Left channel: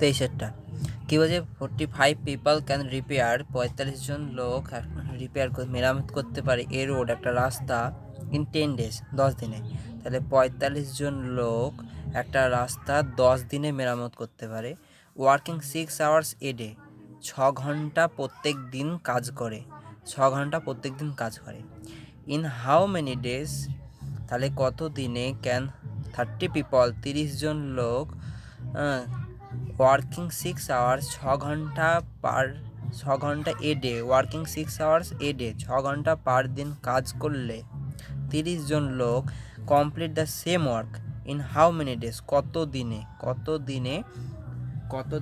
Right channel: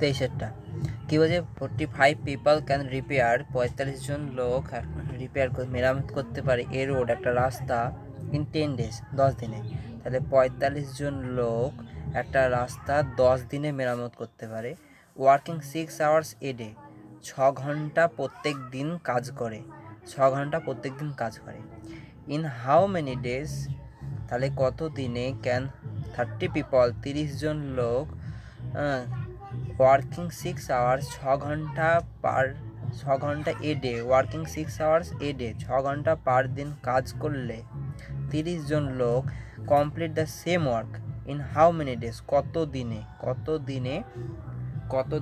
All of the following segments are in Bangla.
23টা কী বলছে 45 পিপল ক্যান রিপেয়ার, 45 জন লোক মেরামত করতে পারে এ রোড একটা রাস্তা ইন 10 days 10 দিনে। তাহলে 45 জন লোক একটা রাস্তা 10 দিনে মেরামত করতে পারে। ওয়ার্কিং 6 hours এ ডে, 6 ঘন্টা প্রত্যেক দিন কাজ করে, 6 ঘন্টা প্রত্যেক দিন কাজ করে। ইন হাউ মেনি ডেজ, তাহলে কত দিনে ক্যান 30 পিপল 30 জন লোক ওয়ার্কিং 6 hours 6 ঘন্টা পার 6 ঘন্টা a day, working 6 hours a day 6 ঘন্টা পার দিন কাজ করলে 30 জন লোক complete the same work in how many days, কত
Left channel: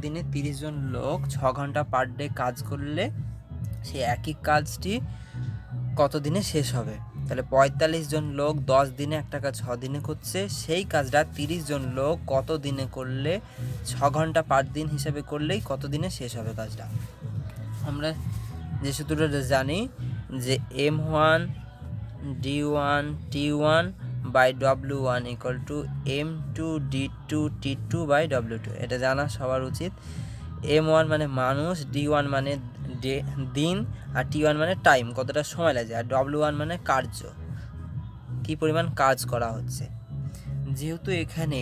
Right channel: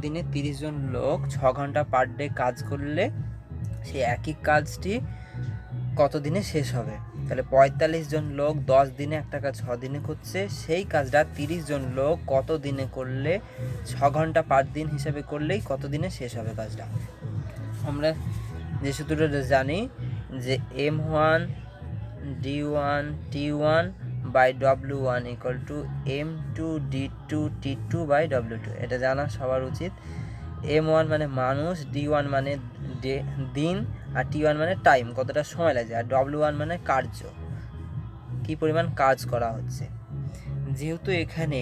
দিনে 30 জন লোক 6 ঘন্টা পার ডে কাজ করলে সে একই কাজটি কত দিনে শেষ হবে। তাহলে 45 জন লোক 10 দিনে একটা কাজ 6 দিনে করছে, সেই কাজটা 30 জন লোক কত দিনে করলে 6 ঘন্টা পার দিন হিসাবে করলেই কত দিনে শেষ হবে কাজটা। আমরা যে সূত্রটা জানি যে M1 D1 T1 by W1 equal to M2 D2 T2 by W2, এটা জানা সবার উচিত। M1 মানে মানুষ, D1 মানে দিন, আর T1 মানে টাইম, কতটা সময় লাগছে, আর W1 মানে কার্য, কী পরিমাণ কাজ করা হচ্ছে। যেহেতু এখানে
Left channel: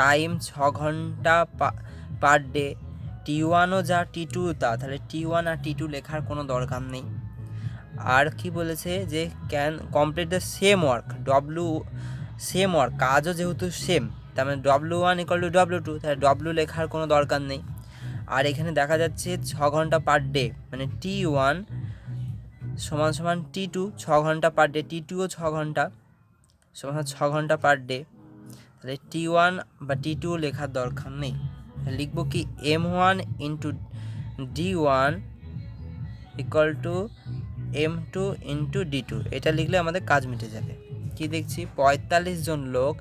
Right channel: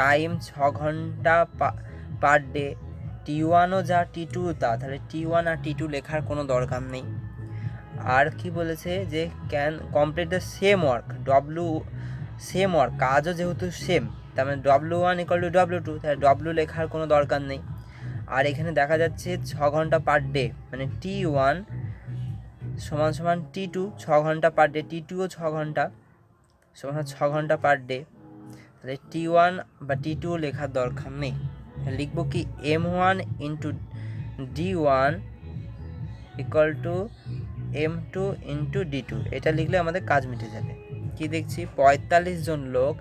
টাইম 6 ঘন্টা পার ডে, T1ও যা T2 তা, তাহলে T1 আর T2 লেখার কোনো দরকার নেই। আর কি বলেছে যে can complete the same work, same work, কাজও যেহেতু সেম, তার মানে W1 ইকুয়াল টু W2, তাহলে W লেখার কোনো দরকার নেই। আর এখানে দেখা যাচ্ছে 6 ঘন্টা পার ডে, মানে T1 সমান সমান T2 6 ঘন্টা পার ডে, T2ও 6 ঘন্টা সমান 6 ঘন্টা পার ডে, তাহলে T1 বা T2 লেখার দরকার নেই। লিখবো কি M1 into D1 equal to M2 into D2, এটা লিখলে আমাদের কাজ মিটে যাবে। কি দেখছি 45 জন লোক,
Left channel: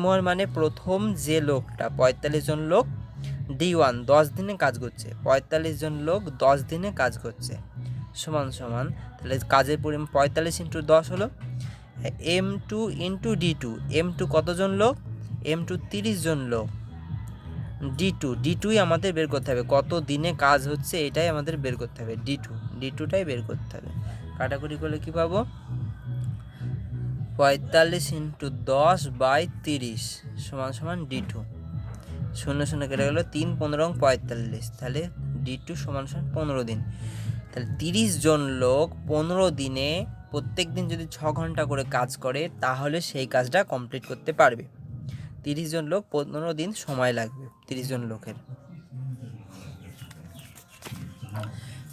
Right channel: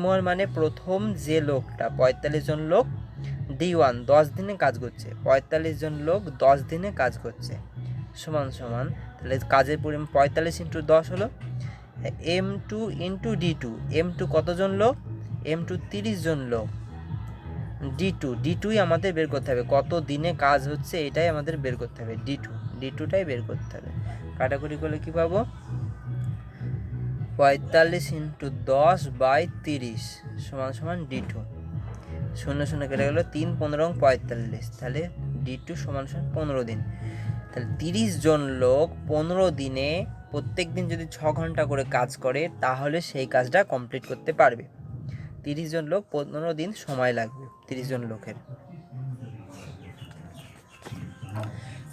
M1 মানে প্রথম যে লোকটা, 45 জন লোক D1 10 দিনে কাজ করছে, 45 জন লোক 10 দিনে কাজ করছে সমান সমান, তাহলে কাজের পরিমাণ 45 ইন্টু 10 হলো M2 ইন্টু D2, M2 কতজন লোক, M2 30 জন লোক, D2ই আমাদের বের করতে হবে, কত দিনে কাজ হচ্ছে এটাই আমাদের বের করতে হবে, D2টাই বের করতে হবে। কাটাকুটি করলে কি পাবো 45 ইন্টু 10 বাই 30 সমান সমান D2, 0 0 কেটে গেল 3 15 45, তাহলে D2 সমান সমান 15 দিন। তাহলে 30 জন লোক 15 দিনে প্রত্যেক দিন যদি 6 ঘন্টা করে কাজ করে তাহলে সেই কাজটা কমপ্লিট করতে পারবে। 30 জন লোক 15 দিন সময় লাগবে 30 জন লোকের।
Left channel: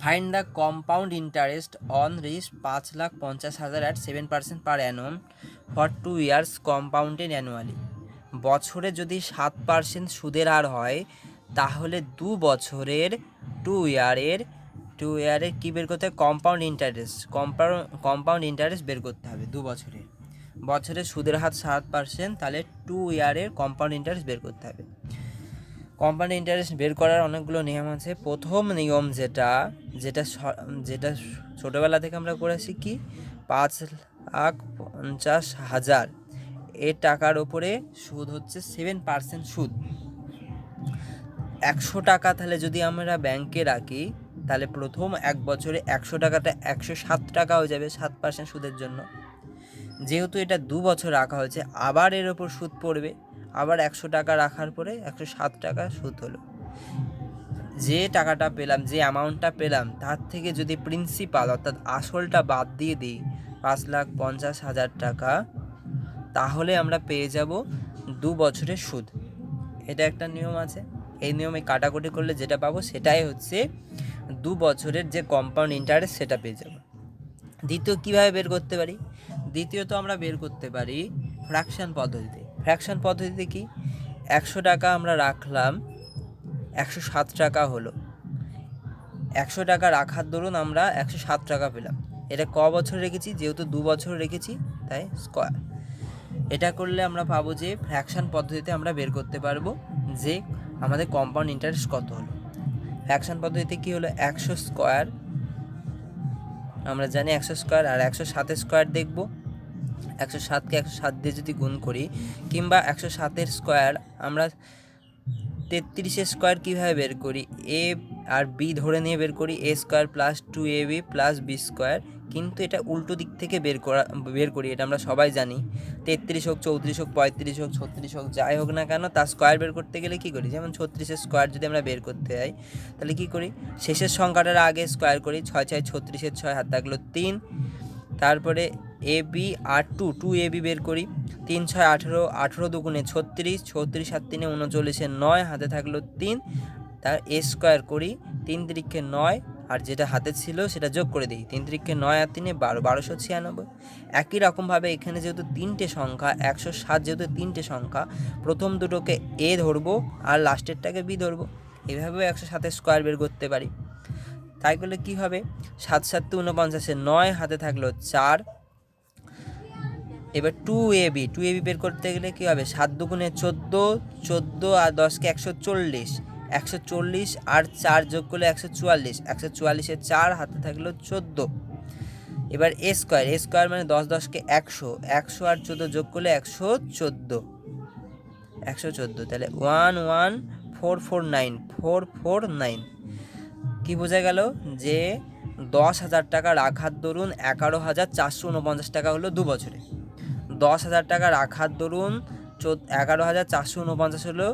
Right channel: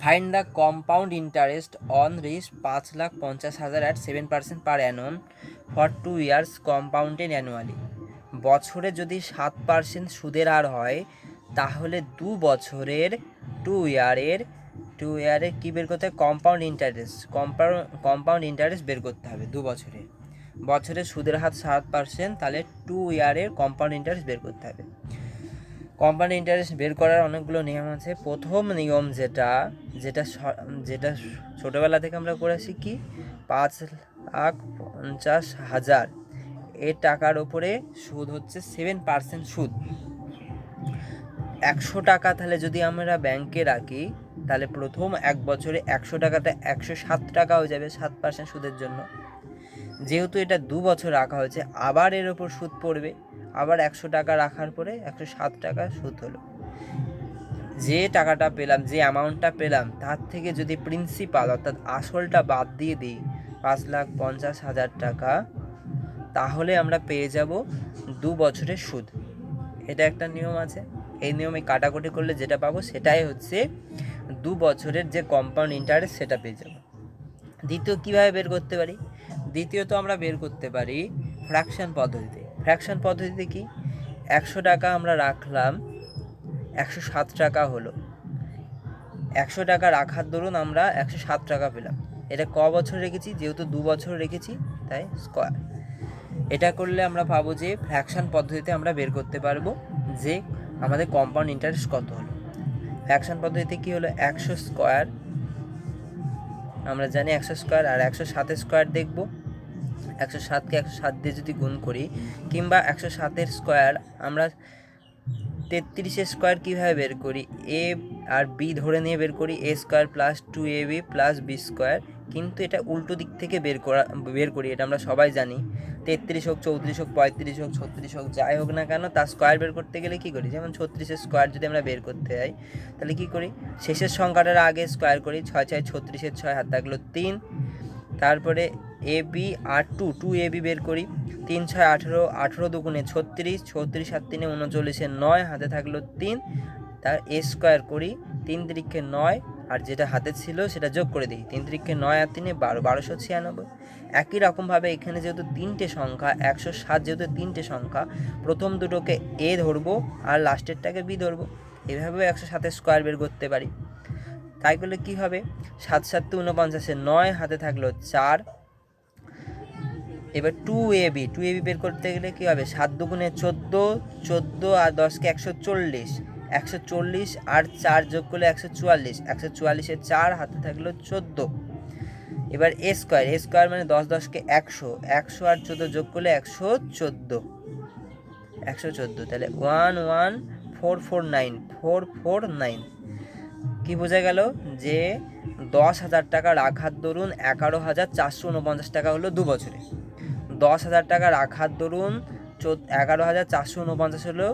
Find the compound interest on risk 5,50,000 at 7% per annum for 2 years compounded annually. বছরে যদি 7% সুদের হার হয় তাহলে 2 বছরের 2 ইয়ারের কী বের করতে হবে, কম্পাউন্ড ইন্টারেস্ট বের করতে হবে। 2 বছরের সুদের হার 7%, তাহলে 2 ইয়ারের কম্পাউন্ড ইন্টারেস্ট বের করতে হবে। কম্পাউন্ড ইন্টারেস্ট বের করার অনেকগুলো নিয়ম আছে। প্রথম নিয়ম যেটা ছোটোবেলা থেকে আমরা করে শিখি, 5,50,000 এর টাকার ওপরে সুদ হচ্ছে 7% সুদ। 100 টাকা তাহলে যদি আমরা ব্যাংকে রাখি তাহলে প্রথম 1 বছরে 100 টাকাটা 107 টাকা হয়ে যাবে 7% সুদের জন্য। যেহেতু এটা 2 বছর রাখা হয়েছে আবার এর ওপর সুদ পড়বে, আবার 100 টাকা রাখার পরে 107 টাকা সুদ হলো। যে টাকাটা পেলাম, যে অ্যামাউন্টটা পেলাম তার থেকে যদি প্রিন্সিপাল অর্থাৎ আসলটা বাদ দিয়ে দিই 5,50,000 টাকা, তাহলে আমরা পেয়ে যাব 2 বছরের সুদ। এটা একটা নিয়ম আছে। এই নিয়মে কাটাকুটি করলে যেটা পাবো সেটাই হচ্ছে 2 বছরের যে কম্পাউন্ড ইন্টারেস্ট সেটা পেয়ে যাব। দ্বিতীয় কীভাবে বের করতে পারি, দ্বিতীয়ত আমরা বের করতে পারি ফ্র্যাকশন পদ্ধতিতে। কি 100 টাকা আমরা রাখলাম, 107 টাকা হলো, 100 টাকা রাখার দরুন আমরা 107 টাকা পেলাম। এটা ক বছর রেখেছি, যেহেতু 2 বছর রেখেছি তাই স্কোয়ার। এটা করলে আমরা পাবো যে ফ্র্যাকশন পদ্ধতিতে আমরা বের করতে পারবো যে আমাদের কম্পাউন্ড ইন্টারেস্ট কত হলো। ফ্র্যাকশন পদ্ধতিতে কি হলো, 100 স্কোয়ার, আমরা জানি 100 স্কোয়ার, আর 107 স্কোয়ার দেখব। 107কে 107 দিয়ে যদি গুণ করি, কিংবা 107 স্কোয়ার আমরা 33 স্কোয়ার কীভাবে বের করি? এ আর বি ধরে নিয়ে বের করি, a square plus 2ab plus b square, কিন্তু এটা উল্টো দিক থেকে বের করি, এটা আমরা সবাই জানি। 33 হোক, 34 হোক, 35 হোক, 36 হোক, যাই হোক না কেন, তার স্কোয়ার বের করতে গেলে কী করি? যেমন 36-এর স্কোয়ার যদি আমরা বের করতে যাই, তাহলে কী করি? শেষের সংখ্যাটার আগে স্কোয়ার করি, 6 × 36, 6 হাত থাকলো 3, তারপরে এ বি আর 2ab বের করি, 3 × 6 18, 18 দুগুণে 36, 36 7 3 39, 9 হাতে থাকলো 3, তার এ স্কোয়ার করি, 3 3 9, আর যেটা হাতে ছিল সেটা যোগ করে দিই, 3 3 9 আর 3 12, 1296। একই রকমভাবে এখানে যেহেতু তিনটে সংখ্যা, 107 যেহেতু তিনটে সংখ্যা, প্রথম দুটোকে এ ধরবো আর লাস্টেরটাকে বি ধরবো, এভাবেও 107-এর স্কোয়ার বের করতে পারি। তাই করলে কী হবে? 7 7 49, 9 হাতে থাকলো 4। এবার 2ab বের করতে গেলে কী হবে? 7 দুগুণে 14, 14 আর 10কে 140, 140 আর 4 যোগ করলে 144, 144-এর 4 হাতে থাকলো 14। এবার এ স্কোয়ার মানে 10 10কে 100, 100 আর 14 যোগ করলে 114, 114, তাহলে 11449 কি বোঝা গেল? যে 10,000 টাকা রাখার দরুন 11,449 টাকা হলো 2 বছরে। 10,000 টাকা রাখার দরুন 11,449 হলো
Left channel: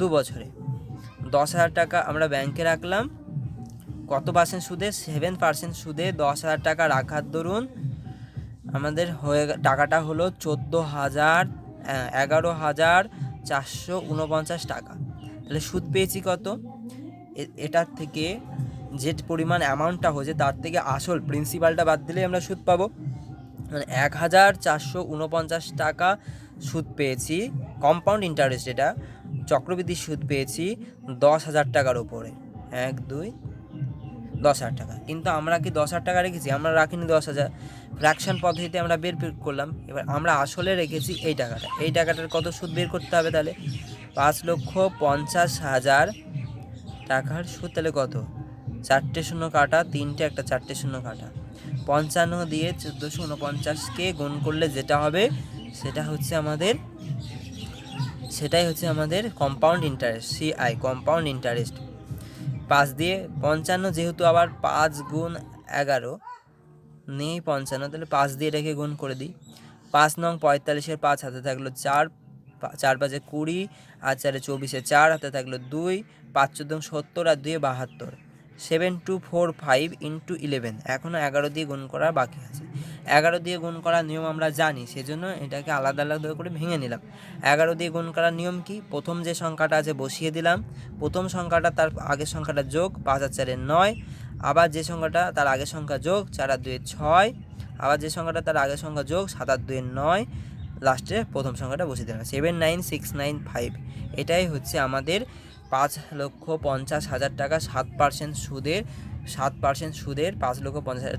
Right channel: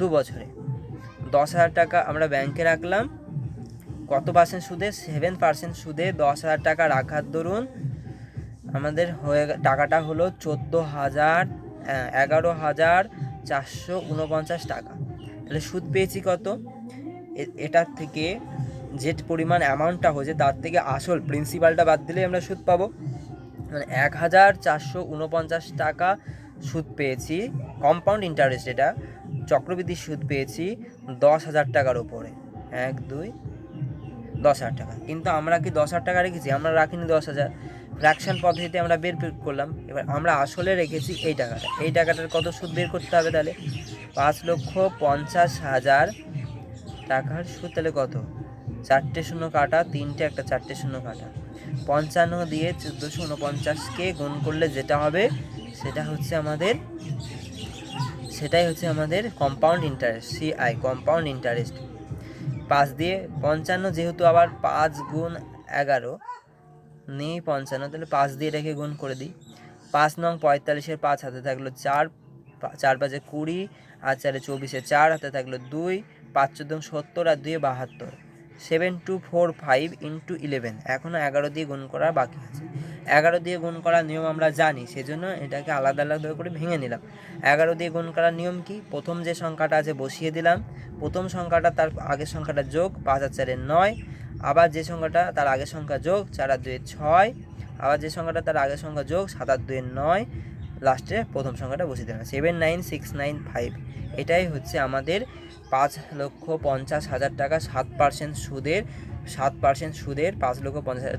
2 বছরে। 10,000 টাকা আমরা ব্যাংকে রাখলাম, কত পার্সেন্ট সুদে? 7% সুদে 10,000 টাকা রাখার দরুন আমাদের টাকাটা হলো 11,449 টাকা। তাহলে সুদ পেয়েছি কত? এটার থেকে যে পরিমাণ অ্যামাউন্টটা হয়েছে তার থেকে আসল প্রিন্সিপালটা বাদ দিলে আমরা সুদ পাবো, মানে 1,449 টাকা সুদ পেয়েছি, কম্পাউন্ড ইন্টারেস্ট, এটা চক্রবৃদ্ধি সুদ পেয়েছি 10,000 টাকার ওপরে। 1 2 10,000 টাকা। কিন্তু আমরা কি 10,000 টাকা রেখেছি? আমরা রাখিনি 10,000, ফ্র্যাকশন পদ্ধতিতে আমরা বের করলাম। এবার আমরা আসলে রেখেছি এই টাকাটার কত সুদ বের করতে হবে? তাহলে 5,50,000 টাকার সুদ। তাহলে কত? 4টে শূন্য কাটা, 3টে, একটা 4টে শূন্য কাটা, 55 দিয়ে 1449কে গুণ করলে যেটা হবে সেটাই হচ্ছে আমাদের compound interest, CI, compound interest. 5 দিয়ে 55, যেহেতু আবার 5 গুণ 11 নেই 55, তাহলে 5 দিয়ে রেখে গুণ করে দিই। 5 নং 45-এর 5 হাতে থাকলো 4, 4 5 20 আর 4 24, 4 হাতে থাকলো 2, 5 14 70 আর 2 72, 7245 × 11। এখনও 11 দিয়ে গুণ করা বাকি আছে। 11 দিয়ে গুণ করার নিয়ম আমরা জানি, সেজন্য এটাকে আলাদা আলাদা করে ভেঙে নিলাম। 11 দিয়ে গুণ করার নিয়ম কি? প্রথম যে সংখ্যাটা আছে বসিয়ে দিলাম, প্রথম সংখ্যাটা তার আগের সংখ্যাটা যোগ, 5 আর 4 9, আবার যে সংখ্যাটা তার আগের সংখ্যা যোগ, 4 আর 2 6, আবার যে সংখ্যাটা তার আগের সংখ্যা যোগ, 7 আর 2 9, লাস্টে প্রথম সংখ্যাটা বসিয়ে দিলাম, 79695। এটাই হচ্ছে আমাদের 5,50,000 টাকা 7% সুদের 5,50,000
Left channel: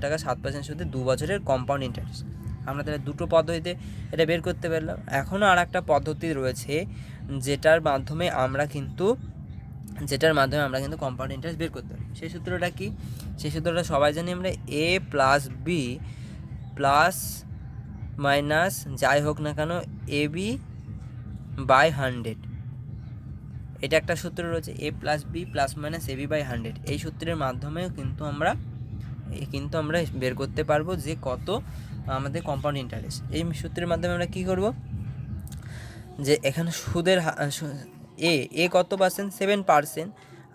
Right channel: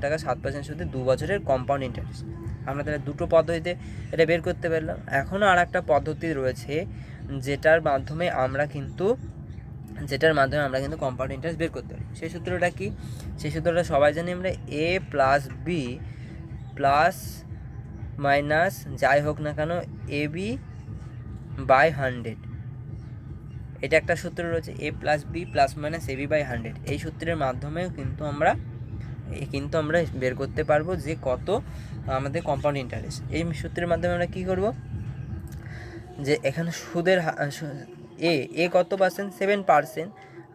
টাকা 7% সুদে 2 বছরের কম্পাউন্ড ইন্টারেস্ট। আমরা তাহলে দুটো পদ্ধতিতে এটা বের করতে পারলাম। এখনও আর একটা পদ্ধতি রয়েছে যেটার মাধ্যমে আমরা কিন্তু কম্পাউন্ড ইন্টারেস্ট বের করতে পারি। সেই সূত্রটা কি? সেই সূত্রটা সবাই জানি আমরা, a plus b plus minus যাই হোক না কেন ab বাই 100। এটা একটা সূত্র রয়েছে, a plus b plus minus ab by 100। এই সূত্রের মাধ্যমে কিন্তু আমরা বের করতে পারবো যে কত আমাদের কম্পাউন্ড ইন্টারেস্ট। এই সূত্রের মাধ্যমে আমরা কী করব? যে এখানে সুদের এ কত পার্সেন্ট? 7%,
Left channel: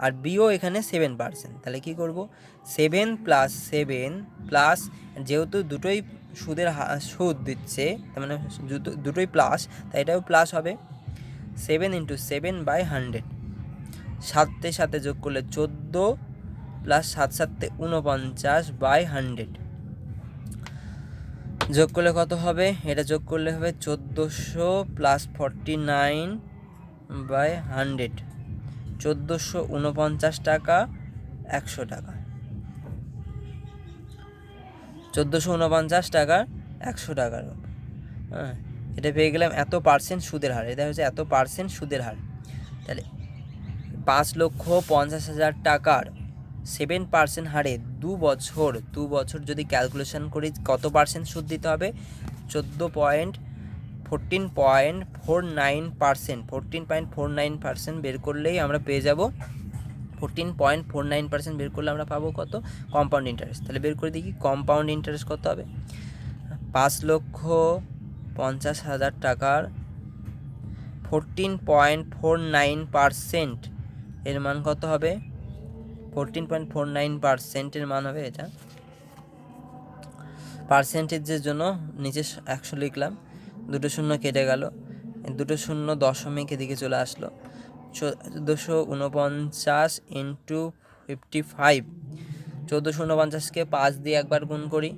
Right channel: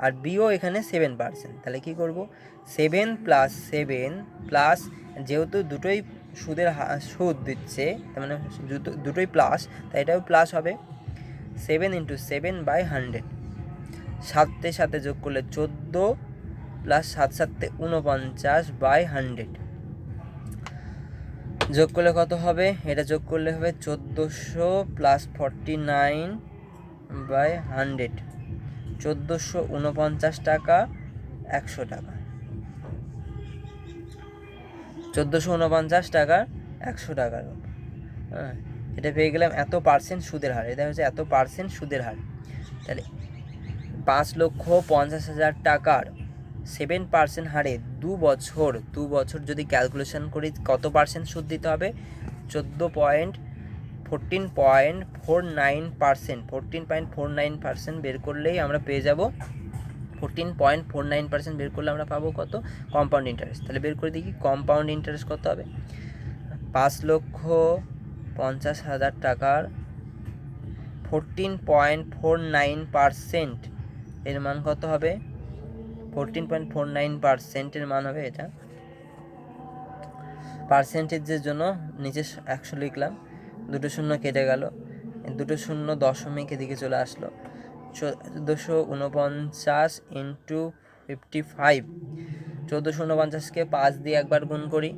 আর বিও এখানে 7%। তাহলে কি করব? 7 + 7 প্লাস, যেহেতু দুটোই সুদ দিচ্ছে, তার মানে দুটোই প্লাস, তাই এটাও প্লাস হবে। 7 × 7 বাই 100, 7 সাথে যোগ করলে 14 প্লাস 7 7 49 বাই 100, যোগ করলে কত হবে? এটা যোগ করলে হবে 1400 প্লাস 49 বাই 100, 1449 টাকা 100 টাকা, 1449 টাকা 100 টাকার। হ্যাঁ, এটা পেয়ে গেলাম এত পার্সেন্ট সুদের হার। এটা হচ্ছে এত পার্সেন্ট সুদের হার। তাহলে 5,50,000 টাকার 7% হারে 2 বছর যদি ক্যালকুলেশন করি কত পার্সেন্ট সুদ দিতে হবে? 14.49 14.49%, 14.49% বের করলেই আমরা পেয়ে যাব 14.49% বের করলে আমরা পাবো কত? Compound interest. তাহলে বের করে দেখি কম্পাউন্ড ইন্টারেস্ট কত হবে। 5,50,000 টাকার 14.49% এর মান কত হবে? 14.49% এর মান হবে এটা। পার্সেন্টেজের জন্য নিচে 100 লিখলাম, 2 শূন্য কেটে গেল, 2 শূন্য দশমিক এদিকে চলে আসলো। 1449 ইন্টু 55, 1449কে 5 দিয়ে একবার গুণ করি,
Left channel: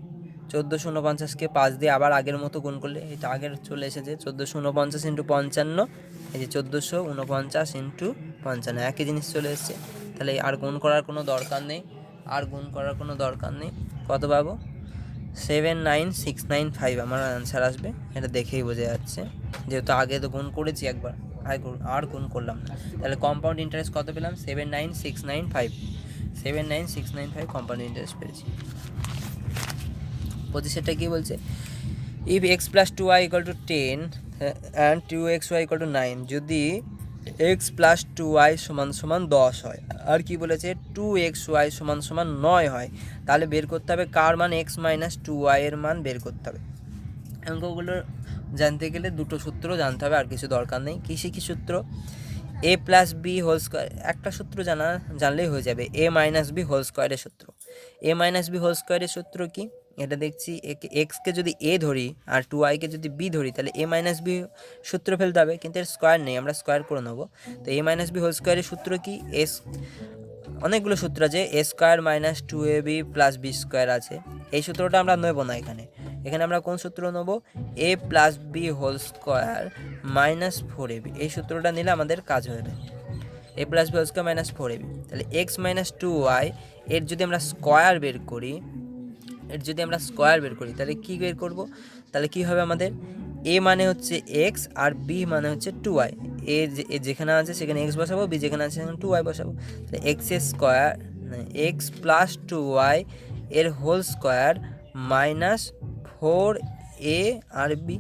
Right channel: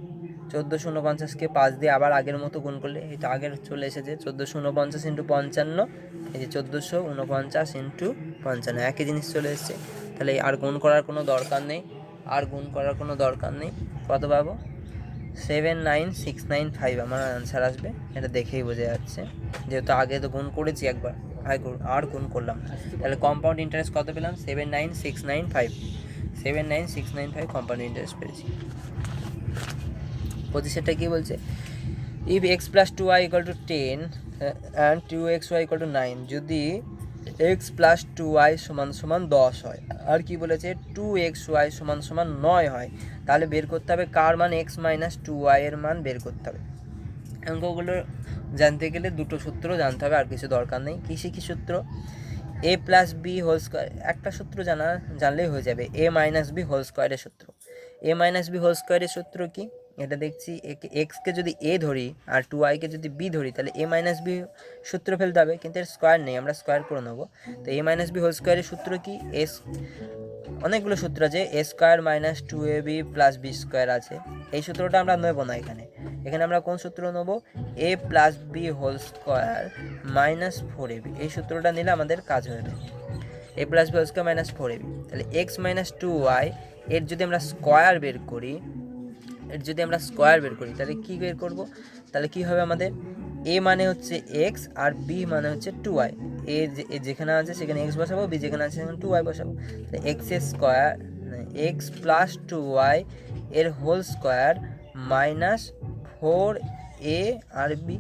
1449কে 5 দিয়ে আবার আগের মতো গুণ করলে এটা আগের চলে এসেছে 1449 ইন্টু 55, এই যে 1449 ইন্টু 55, একই জিনিস চলে এসেছে। তাহলে আর গুণ করার কোনো দরকার নেই, কত পাবো? 79695 আমার অ্যান্সার আসবে। এটা দেখেই বোঝা যাচ্ছে, যেহেতু আগে তো গুণ করেছি একবার, আর গুণ করলাম। তাহলে কম্পাউন্ড ইন্টারেস্ট কত পেলাম? 79695 কম্পাউন্ড ইন্টারেস্ট পেয়েছি। 25টা কি বলছে? If x plus 2y equal to 10 and 2xy equal to 9, যদি এক্স প্লাস 2y সমান সমান 10 হয়, আর কি বলেছে 2xy সমান সমান 9 হয়, তাহলে বের করতে হবে কার মান? এক্স মাইনাস 2y এর মান বের করতে হবে। অঙ্কগুলো জানতে গেলে দুটো সূত্র জানতে হবে, আর কিছু দরকার নেই। কী সূত্র? এ প্লাস বি হোল স্কোয়ার, একটা সূত্র জানলেই হয়ে যাবে, এ মাইনাস বি হোল স্কোয়ারের সূত্র। এ মাইনাস বি হোল স্কোয়ারের সূত্র কি? এটা দেখছি এক্সকে যদি এ ধরি আর 2yকে যদি বি ধরি, তাহলে এ মাইনাস বি সূত্র ফেলতে হবে, কিন্তু এর স্কোয়ার নেই, আমরা স্কোয়ার করে নেবো। তো এ মাইনাস বি হোল স্কোয়ারের সূত্র কি? অনেকগুলো সূত্র আছে, a square minus 2ab plus b square আছে, এই সূত্রটা আমরা নেবো না এখানে আমরা কোন সূত্র নেব? A plus b whole square minus 4ab, এই সূত্রটা নিলে আমাদের কাজ হয়ে যাবে। A plus b whole square minus 4ab, তাহলে এক্স মাইনাস 2y এর যদি আমরা স্কোয়ার বের করি, তাহলে কি বের করব? তাহলে কি হবে আমাদের? এ মানে হচ্ছে এক্স আর বি মানে হচ্ছে 2y, এ যেখানে আছে সেখানে এক্স বসাবো, বি যেখানে আছে সেখানে 2y বসাবো। X square x plus 2y এর হোল স্কোয়ার মাইনাস 4a আর বি।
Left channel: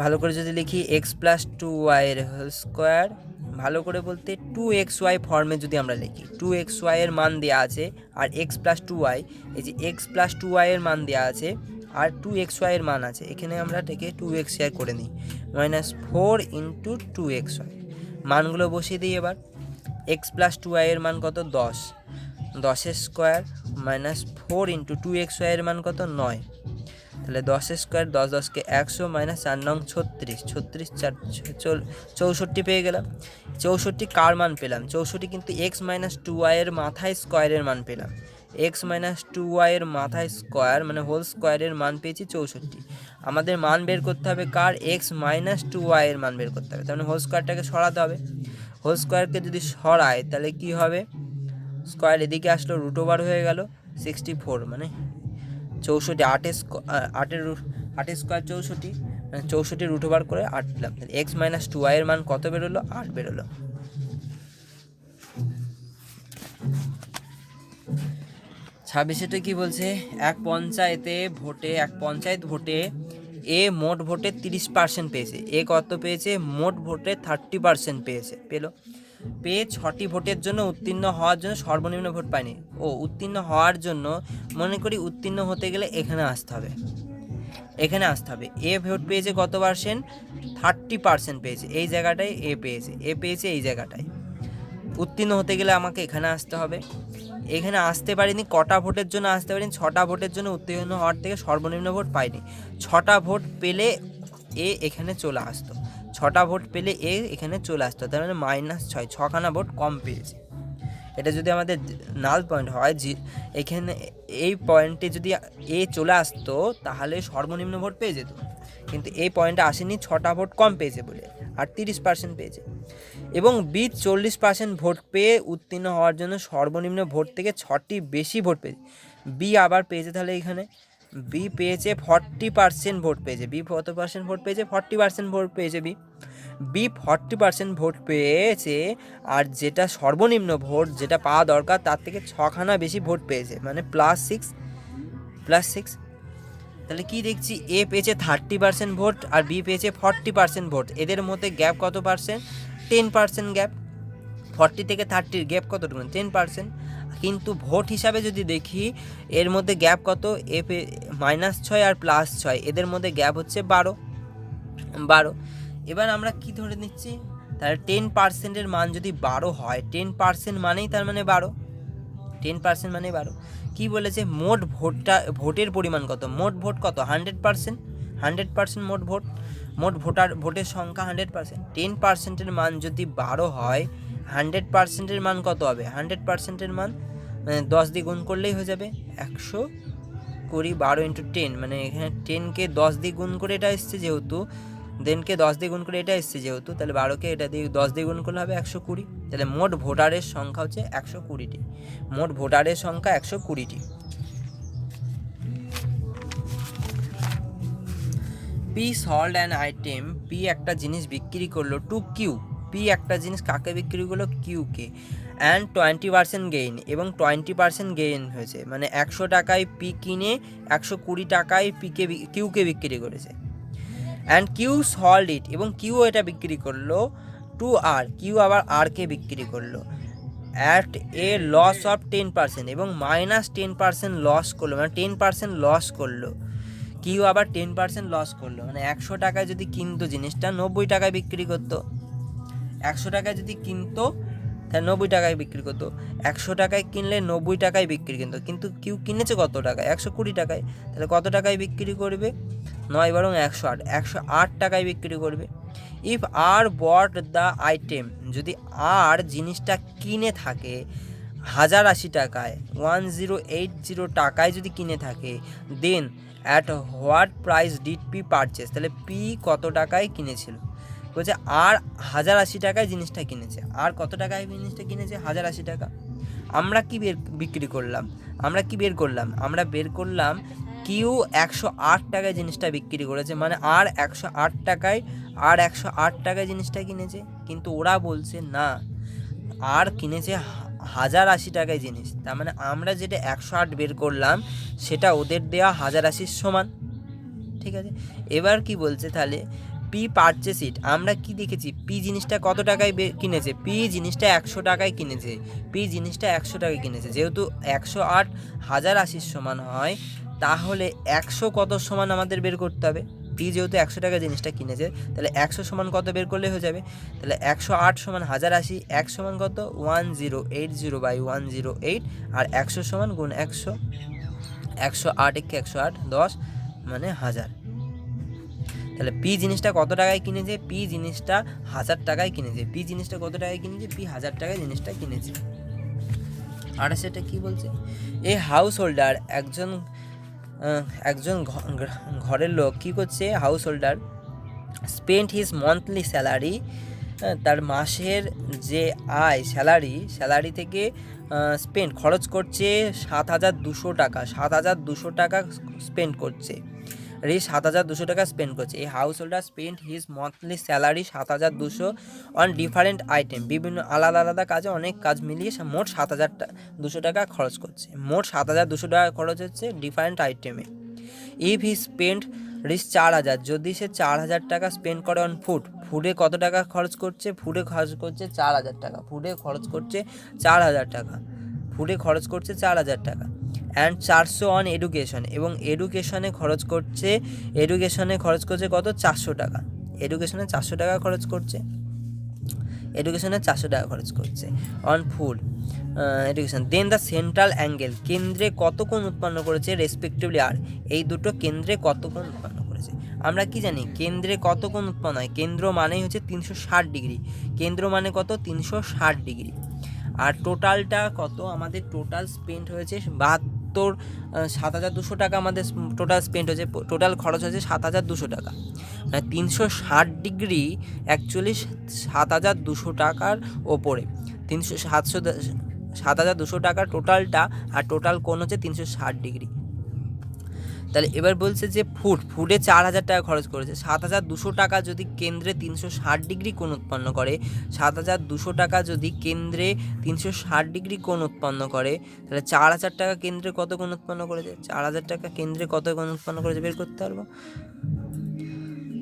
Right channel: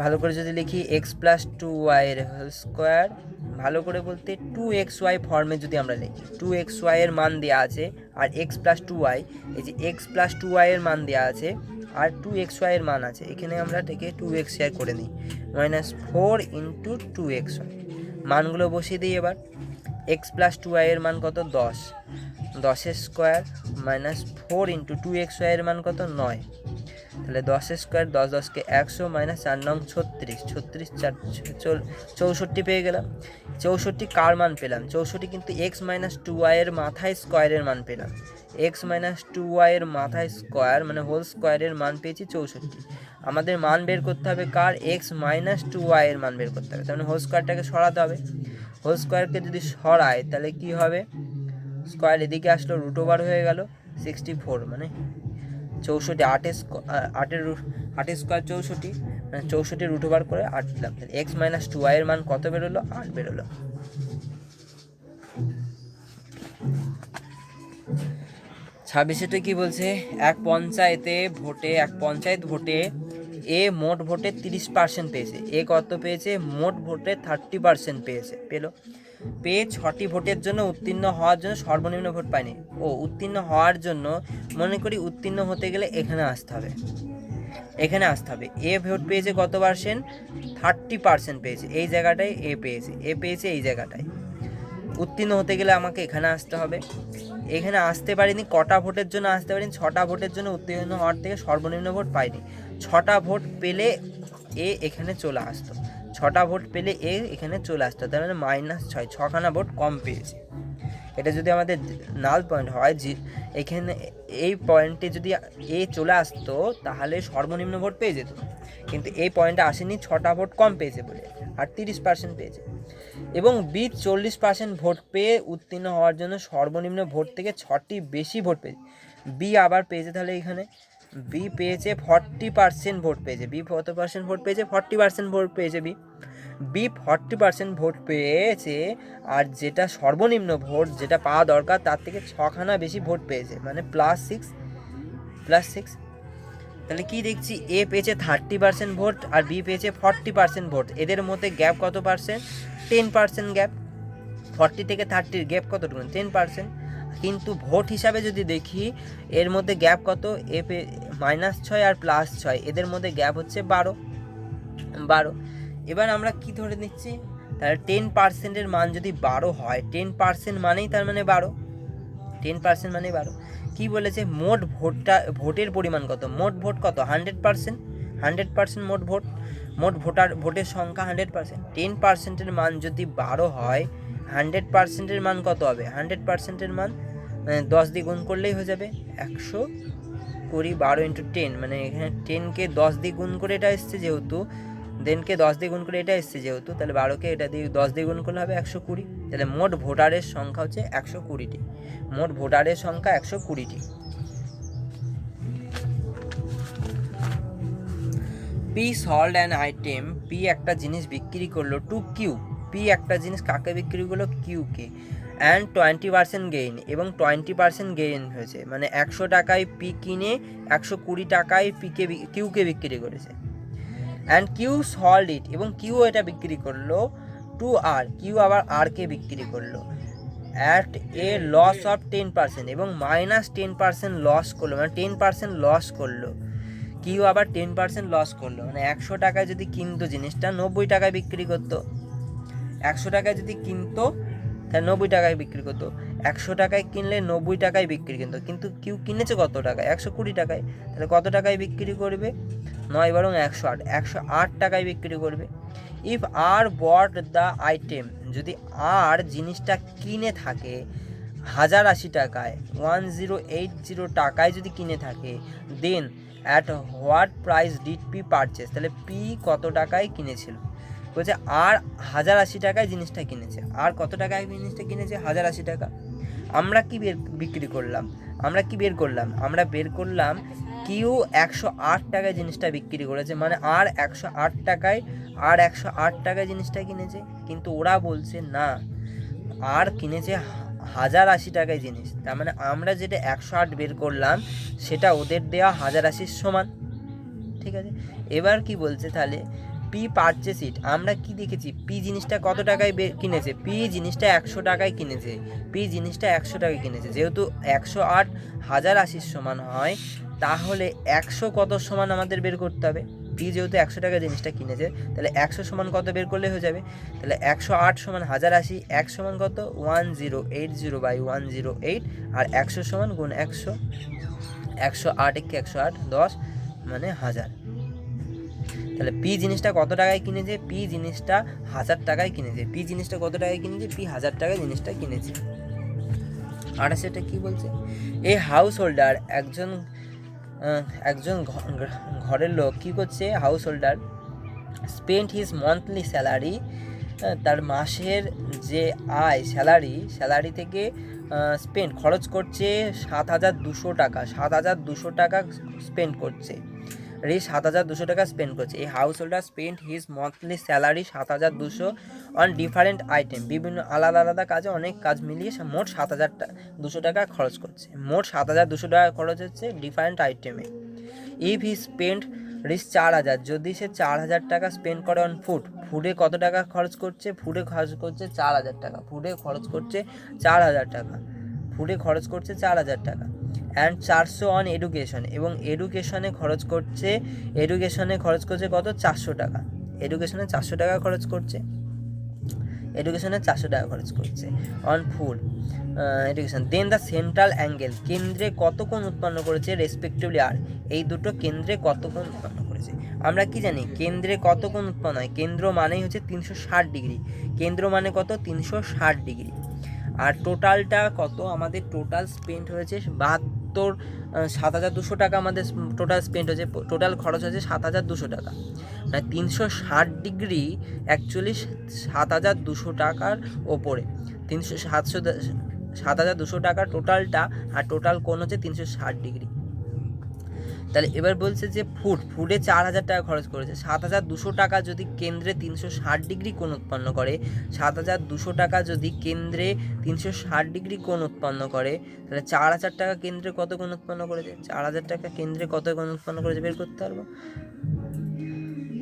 ভালো করে যদি লিখি এক্স প্লাস 2y এর হোল স্কোয়ার, ভালো করে বলতে 2xy ফর্মে যদি আমরা লিখি, 2xy এর মান দেওয়া আছে আর এক্স প্লাস 2y, এই যে এক্স প্লাস 2y এর মান দেওয়া আছে আর 2xy এর মান আছে, এখানে আমরা এটাকে 2xy করে নিই, মাইনাস 4 ইন্টু 2xy। মানগুলো বসিয়ে দিই এবার। এক্স প্লাস 2y এর মান কত? 10, 10 স্কোয়ার মাইনাস 4 ইন্টু 2xy এর মান কত? 9, তাহলে 10 স্কোয়ার 10 10কে 100 মাইনাস 4 নং 36, 64 পেয়ে গেলাম। 64 কার মান পেলাম? 64 কিন্তু এক্স মাইনাস 2y এর মাথায় স্কোয়ারের মান পেলাম, এক্স মাইনাস 2y এর মাথায় স্কোয়ার মানে হোল স্কোয়ারের মান পেয়েছি 64। আমাদের মান বের করতে হবে কার? এক্স মাইনাস 2y এর মান বের করতে হবে, তার মানে হোল স্কোয়ারটাকে সরাতে হবে। হোল স্কোয়ারকে যদি সরায় তাহলে কি হবে? স্কোয়ার এদিকে আসলো, রুট ওভার হয়ে গেল 64, মানে 64, 8 স্কোয়ার 64, 64 রুট ওভার করে 8 পেলাম। এক্স মাইনাস 2y এর মান কত বেরোলো? 8 বেরোলো। 26টা কি বলছে? এক পঞ্চায়েত ভোটে এ মোট ভোটে 30% পেয়েছে। এ কত পেয়েছে? মোট ভোটে 30% পেয়ে 6টি ভোটের জন্য উত্তীর্ণ হওয়ার জন্য সর্বনিম্ন ভোট পায়নি। উত্তীর্ণ হওয়ার জন্য মনে করি উত্তীর্ণ হতে গেলে এখানে আসতে হবে। এ ভোট পেয়েছে কত পার্সেন্ট? 30% পেয়েছে, এই জায়গাটায় এ পেয়েছে এই জায়গাটায়। উত্তীর্ণ হতে গেলে আমাকে এখানে আসতে হবে, এখানে আসতে পারিনি। কটা ভোটের জন্য আসতে পারিনি? 6টা ভোটের জন্য উত্তীর্ণ হওয়ার থেকে সর্বনিম্ন ভোট পাইনি। 6টা ভোট পেলে এ এখানে চলে আসতো, 6টা ভোট পেলে এ এখানে চলে আসতো, তার মানে -6, 6খানা ভোট কম পেয়েছে। এটা যদি আমাদের নাল পয়েন্ট হয়, যে এখানে এই পয়েন্টে যদি এ চলে আসতো তাহলে সর্বনিম্ন ভোট পেয়ে যেত, কিন্তু এই পয়েন্টে আসেনি, 6টা ভোট কম পেয়েছে বলে, আর 30% পেয়েছে। এবং বি 40% ভোট পেয়ে উত্তীর্ণ হওয়ার জন্য সর্বনিম্ন ভোট থেকে 6টি বেশি ভোট পেয়েছে। বি আবার পেয়েছে, তাহলে এখানে বি পেয়েছে 40% ভোট পেয়েছে। বি কত পার্সেন্ট ভোট পেয়েছে? 40% ভোট পেয়েছে বি 40% ভোট পেয়েছে, আর যেটা সর্বনিম্ন ভোট যেটা পাওয়া দরকার তার থেকে 6খানা বেশি ভোট পেয়েছে, মানে +6 তাহলে কি দেখছি, এ পেয়েছে 30% ভোট আর বি পেয়েছে 40% ভোট। এদের মধ্যে গ্যাপ কত পার্সেন্ট? 10% গ্যাপ। 40 থেকে 30 গ্যাপ কতটুকু? 10%। কিন্তু ভোট হিসাবে যদি দেখি এর মধ্যে গ্যাপ কত, এ -6 আর +6, এদের মধ্যে গ্যাপ হচ্ছে 12। এবার আমরা কি ধরে নিচ্ছি, তাহলে 10%-এর মান যদি 12 হয়, 10% মানেই তার মানে 12, 10% মানে 12। কি বলেছে, মোট ভোটের পরিমাণ কত? মোট ভোট কত? 100%, 100% মোট ভোটের সংখ্যা 100%। 10%-এর মান যদি 12 হয়, 100%-এর মান কত হবে? 100%-এর মান 10 দিয়ে গুণ করলেই হয়ে যাবে 120। 12 × 10, মানে এখানে 10কে 10 দিয়ে গুণ করে এটা এসছে যেহেতু, 10কে 10 দিয়ে গুণ করে এটা এসছে যেহেতু, তাহলে 12কে এটা দিয়ে 10 দিয়ে গুণ করলে হবে 120। তাহলে মোট ভোটারের সংখ্যা হচ্ছে 120টি। মোট ভোটারের সংখ্যা 120টি। P sold an item, P একটা জিনিস বিক্রি করলো টু কিউ, পি একটা জিনিস কাকে বিক্রি করলো? কিউকে। অ্যান্ড 20% গেইন, এবং 20% গেইন হয়েছে, মানে 100 টাকায় পি কিনে 120 টাকায় কিউকে বিক্রি করেছে। অ্যান্ড কিউ সল্ড ইট, এবং কিউ এটা বিক্রি করলো টু আর, কিউ আবার আরকে বিক্রি করলো অ্যাট এ লস অফ 10%, এবং -10% লস করলো, মানে 10% লস করলো। কিউ আবার 10% লস করলো, মানে 100 টাকায় যদি কিনতো জিনিসটা 90 টাকায় বিক্রি করতো। 100 টাকায় যদি কিনতো তাহলে 90 টাকায় বিক্রি করতো। 100 টাকায় কিনলে 90 টাকায় বিক্রি করতো, কিন্তু কিউ কিনেছে কত টাকায়? 120 টাকায়। তাহলে কত টাকায় বিক্রি করবে? 9 বরং 108, 108 টাকায় বিক্রি করবে। If R bought the item, যদি আর জিনিসটা কিনে থাকে 1080 টাকায়, 1080 টাকায় যদি কিনে থাকে, then at what price did P purchase, তাহলে পি কত টাকায় কিনেছিল? বলছে আর 1080 টাকায় জিনিসটা কিনেছে। আর কত টাকায় জিনিসটা কিনেছে? 1080 টাকা। আমরা কি বের করলাম? আমরা বের করলাম কিউ 108 টাকায় জিনিসটা বিক্রি করেছে, মানে আর 108 টাকায় জিনিসটা কিনেছে। কিন্তু ওরা বলছে না, আর কিনেছে 1080 টাকায় জিনিস। তার মানে আমরা যেটা 108 বের করলাম সেটা ওদের দেওয়া 1080 সমান। ঠিক আছে, এবার কি বলছে, তাহলে পি পারচেস ইট, আমরা কি দেখেছি, পি জিনিসটা কত টাকায় কিনেছে? পি জিনিসটা 100 টাকায় কিনেছে। পি জিনিসটা 100 টাকায় কিনেছে, যেহেতু 108 1080 সমান হয়, তাহলে 100 কত সমান আমাদের বের করতে হবে। পি যেহেতু 100 টাকা জিনিসটা কিনেছে, তাহলে 100 সমান কত বের করলে হয়ে যাবে? তাহলে 108 সমান 1080, 1 সমান কত? 1080/108, আর 100 সমান গুণ 100, 108 × 108 10, মানে 1000। তাহলে পি জিনিসটা কত টাকায় কিনেছে? পি জিনিসটা 1000 টাকায় কিনেছে। পি জিনিসটা কত টাকায় কিনেছে? পি 1000 টাকায় জিনিসটা কিনেছে। আর সেটা কি বলছে, এ হাউস হোল্ডার, একজন ঘরের লোক কি করছে? House holder spend his monthly salary, তার মাসের যে আয় স্যালারি থেকে খরচ করছে 7200 টাকা। 7200 টাকা স্পেন্ড করছে। এই 7200 টাকা স্পেন্ড করছে। এই house holder spend his monthly salary 7200 on different item, বিভিন্ন আলাদা আলাদা কাজে, অনেক কাজ মিলিয়ে মোট 7200 টাকা খরচ করছে। মোট 7200 টাকা খরচ হচ্ছে ডিফারেন্ট আইটেমে। ইফ হি স্পেন্ড রিচ 4000, যদি সে 4000 টাকা স্পেন্ড করে অন ফুডে কত টাকা খরচ করছে? ফুডে খরচ করছে 4000 টাকা। ফুডে খরচ করছে 4000 টাকা। অ্যান্ড 400 অন এডুকেশন, এবং এডুকেশনে খরচ করছে কত? 400 টাকা। এডুকেশনে 400 টাকা খরচ করছে on food education. Then the central angle, কেন্দ্রে কত কোণ উৎপন্ন করেছে? রেসপেক্টিভলি আর, এই দুটো কেন্দ্রে কত কোণ উৎপন্ন করেছে? আমরা কি জানি কেন্দ্রে কত কোণ উৎপন্ন হয়? কেন্দ্র মানেই হচ্ছে 360 ডিগ্রি। কেন্দ্র মানে কত? 360 ডিগ্রি। আর টোটালটা কত? আমাদের টোটাল স্পেন্ড হয়েছে 7200 টাকা। আমাদের টোটাল স্পেন্ড হয়েছে, টোটাল খরচ হয়েছে 7200 টাকা। মানে 360 ডিগ্রি অ্যাকচুয়ালি 7200 টাকার ওপরে। 7200 টাকার টোটালটা, আর টোটাল কোণ হচ্ছে 360 ডিগ্রি। তাহলে এবার বলছে যে ফুডে 4,000 টাকা খরচ করেছে। 7,200 টাকা যদি কেন্দ্রে 360 ডিগ্রি কোণ উৎপন্ন করে, 7,200 টাকা যদি কেন্দ্রে 360 ডিগ্রি কোণ উৎপন্ন করে, তাহলে 4,000 টাকা কেন্দ্রে কত কোণ উৎপন্ন করেছে? 4,000 টাকা কেন্দ্রে কত কোণ উৎপন্ন করেছে বের করতে পারবো।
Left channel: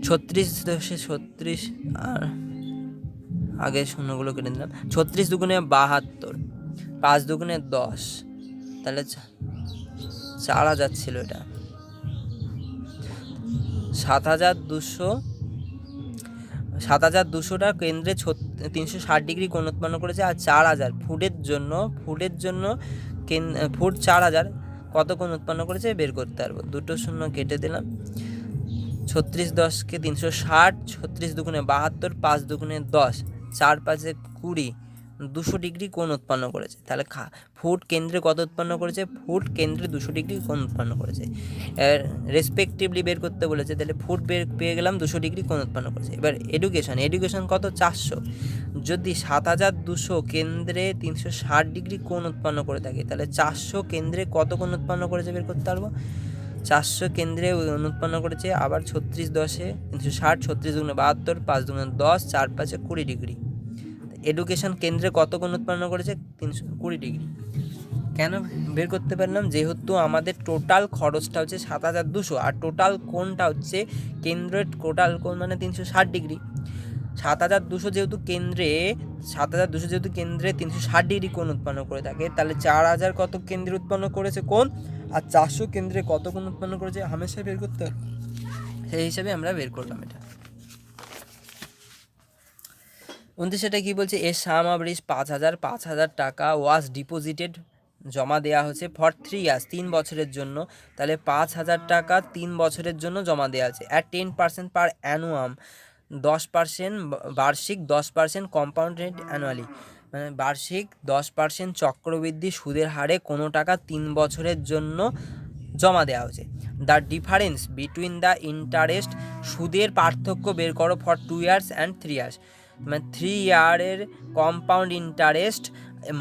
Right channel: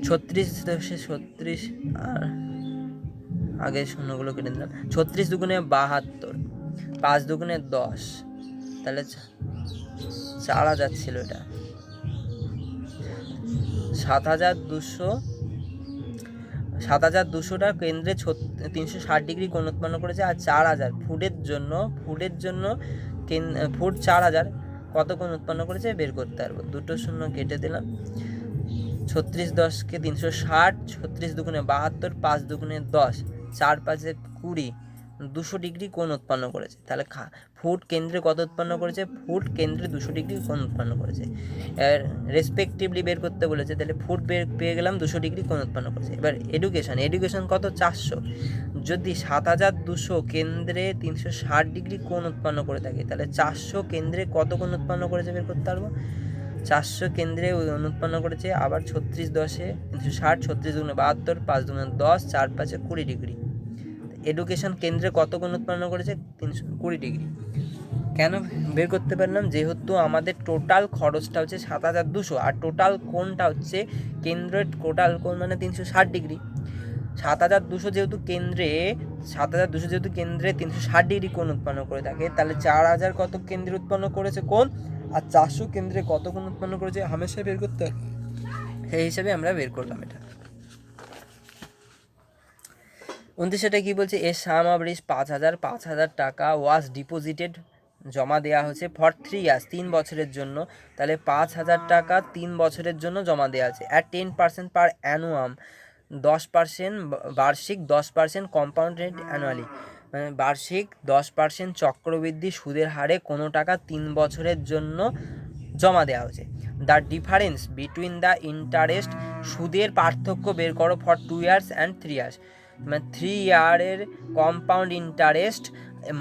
36 আর আগে শূন্যগুলো কেটে দিলাম। 36 দুগুণে 72, 5 দুগুণে 10, তাহলে 4,000 ছিল এটা। 7,200 টাকা কেন্দ্রে 360 ডিগ্রি কোণ উৎপন্ন করেছে। আর 4,000 ফুডের জন্য ফুড 4,000 কত কোণ উৎপন্ন করেছে বের করতে পারবো। দুটো শূন্য কেটে দিলাম। 36 10কে 360, 36 দুগুণে 72, 5 দুগুণে 10, 4 5 20, 200 ডিগ্রি কোণ উৎপন্ন করেছে। তাহলে ফুড কেন্দ্রে কত উৎপন্ন করেছে? ফুড কেন্দ্রে 200 ডিগ্রি কোণ উৎপন্ন করেছে। রেসপেক্টিভলি বের করতে বলেছে, তাহলে ফুড পেয়ে গেলাম 200 ডিগ্রি কোণ উৎপন্ন করেছে। এবার এডুকেশন কত? 400। যদি 7,200 কেন্দ্রে 360 ডিগ্রি কোণ উৎপন্ন করে থাকে, তাহলে 400 কেন্দ্রে কত কোণ উৎপন্ন করেছে বের করতে পারবো। 400 কেন্দ্রে উৎপন্ন করেছে আবার 36 10এ 360, 36 দুগুণে 72, 5 দুগুণে 10, 4 5 20 ডিগ্রি। এডুকেশন কেন্দ্রে কত কোণ উৎপন্ন করেছে? 320 ডিগ্রি। কেন বের করতে পারলাম? যেহেতু আমাদের টোটাল খরচটা হচ্ছে 7,200 আর টোটাল কোণটা হচ্ছে কেন্দ্রের টোটাল কোণ মানে 360 ডিগ্রি। 7,200 যেহেতু কেন্দ্রে 360 ডিগ্রি কোণ উৎপন্ন করে থাকে, তাহলে 4,000 কত কেন্দ্রে উৎপন্ন করেছে কোণ, আর 400 কেন্দ্রে কত কোণ উৎপন্ন করেছে হামেশা বের করতে হবে। সেই হিসাবে আমরা বের করলাম এটা। 29টা কি বলছে? এ সাম অফ রিচ 5,000 টাকা ওয়াজ ডিপোজিটেড, জমা দেওয়া হচ্ছে ফর 3 ইয়ার্স, 3 বছরের জন্য। তাহলে 5,000 টাকা 3 বছরের জন্য জমা দেওয়া আছে। অ্যাট 10% পার অ্যানুয়াম, 10% বার্ষিক, 10% কম্পাউন্ড রেট অ্যানুয়ালি, মানে বার্ষিক 10% চক্রবৃদ্ধি সুদের হারে কোনো টাকা 3 বছরের জন্য জমা দেওয়া হচ্ছে। The difference between the interest, সুদের পার্থক্য বের করো ফর 2 ইয়ার্স অ্যান্ড 3 ইয়ার্স, মানে 3 ইয়ারের কম্পাউন্ড ইন্টারেস্ট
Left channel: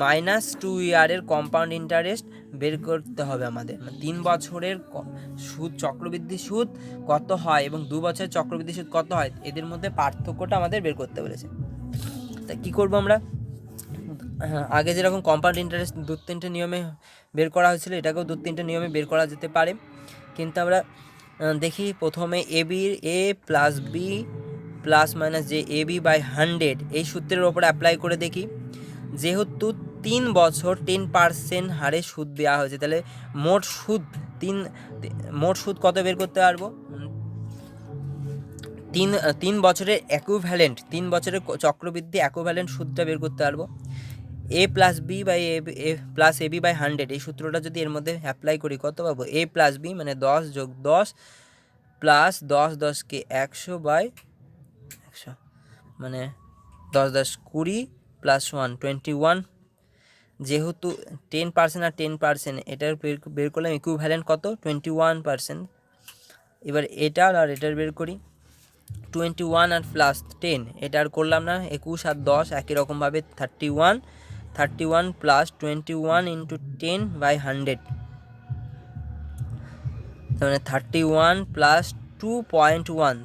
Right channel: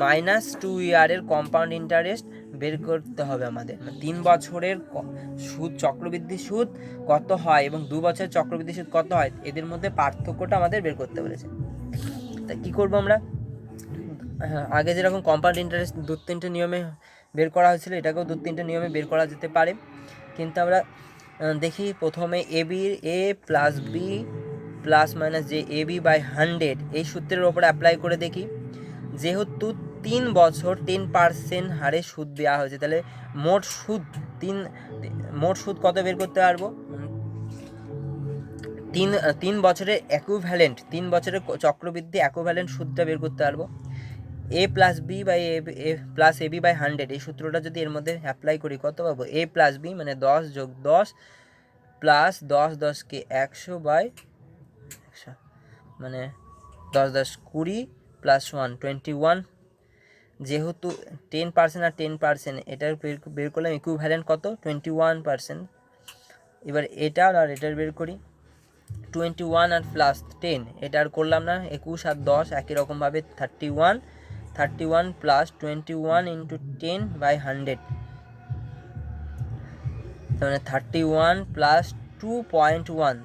মাইনাস 2 ইয়ারের কম্পাউন্ড ইন্টারেস্ট বের করতে হবে আমাদের। 3 বছরের সুদ চক্রবৃদ্ধি সুদ কত হয় এবং 2 বছরের চক্রবৃদ্ধি সুদ কত হয়, এদের মধ্যে পার্থক্যটা আমাদের বের করতে বলেছে। তা কী করবো আমরা? আগে যেরকম কম্পাউন্ড ইন্টারেস্ট 2-3টে নিয়মে বের করা হয়েছিল, এটাকেও 2-3টে নিয়মে বের করা যেতে পারে। কিন্তু আমরা দেখি প্রথমে এ প্লাস বি প্লাস মাইনাস যে এ বি বাই 100 এই সূত্রের ওপরে অ্যাপ্লাই করে দেখি। যেহেতু 3 বছর 10% হারে সুদ দেওয়া হয়েছে, তাহলে মোট সুদ কত বের করতে পারবো? 3 বছরের ইকুইভ্যালেন্ট, 3 বছরের চক্রবৃদ্ধি ইকুইভ্যালেন্ট সুদটা বের করতে পারবো। A plus b by a plus a b by 100 এই সূত্রটা যদি এর মধ্যে অ্যাপ্লাই করি কত পাবো? এ প্লাস বি মানে 10 যোগ 10 প্লাস 10 10কে 100 বাই 100, মানে 10 10 20 প্লাস 1 21। যেহেতু 10% আর 10% এটার বের করলাম ইকুইভ্যালেন্ট কত? 21%। এবার এটার আর এটার বের করি। 21 আর প্লাস 10 এটা আর করলাম না, 21 আর 10 একই রকমভাবে 31 প্লাস 21 ইন্টু 10 বাই 100, মানে 31 প্লাস 2.1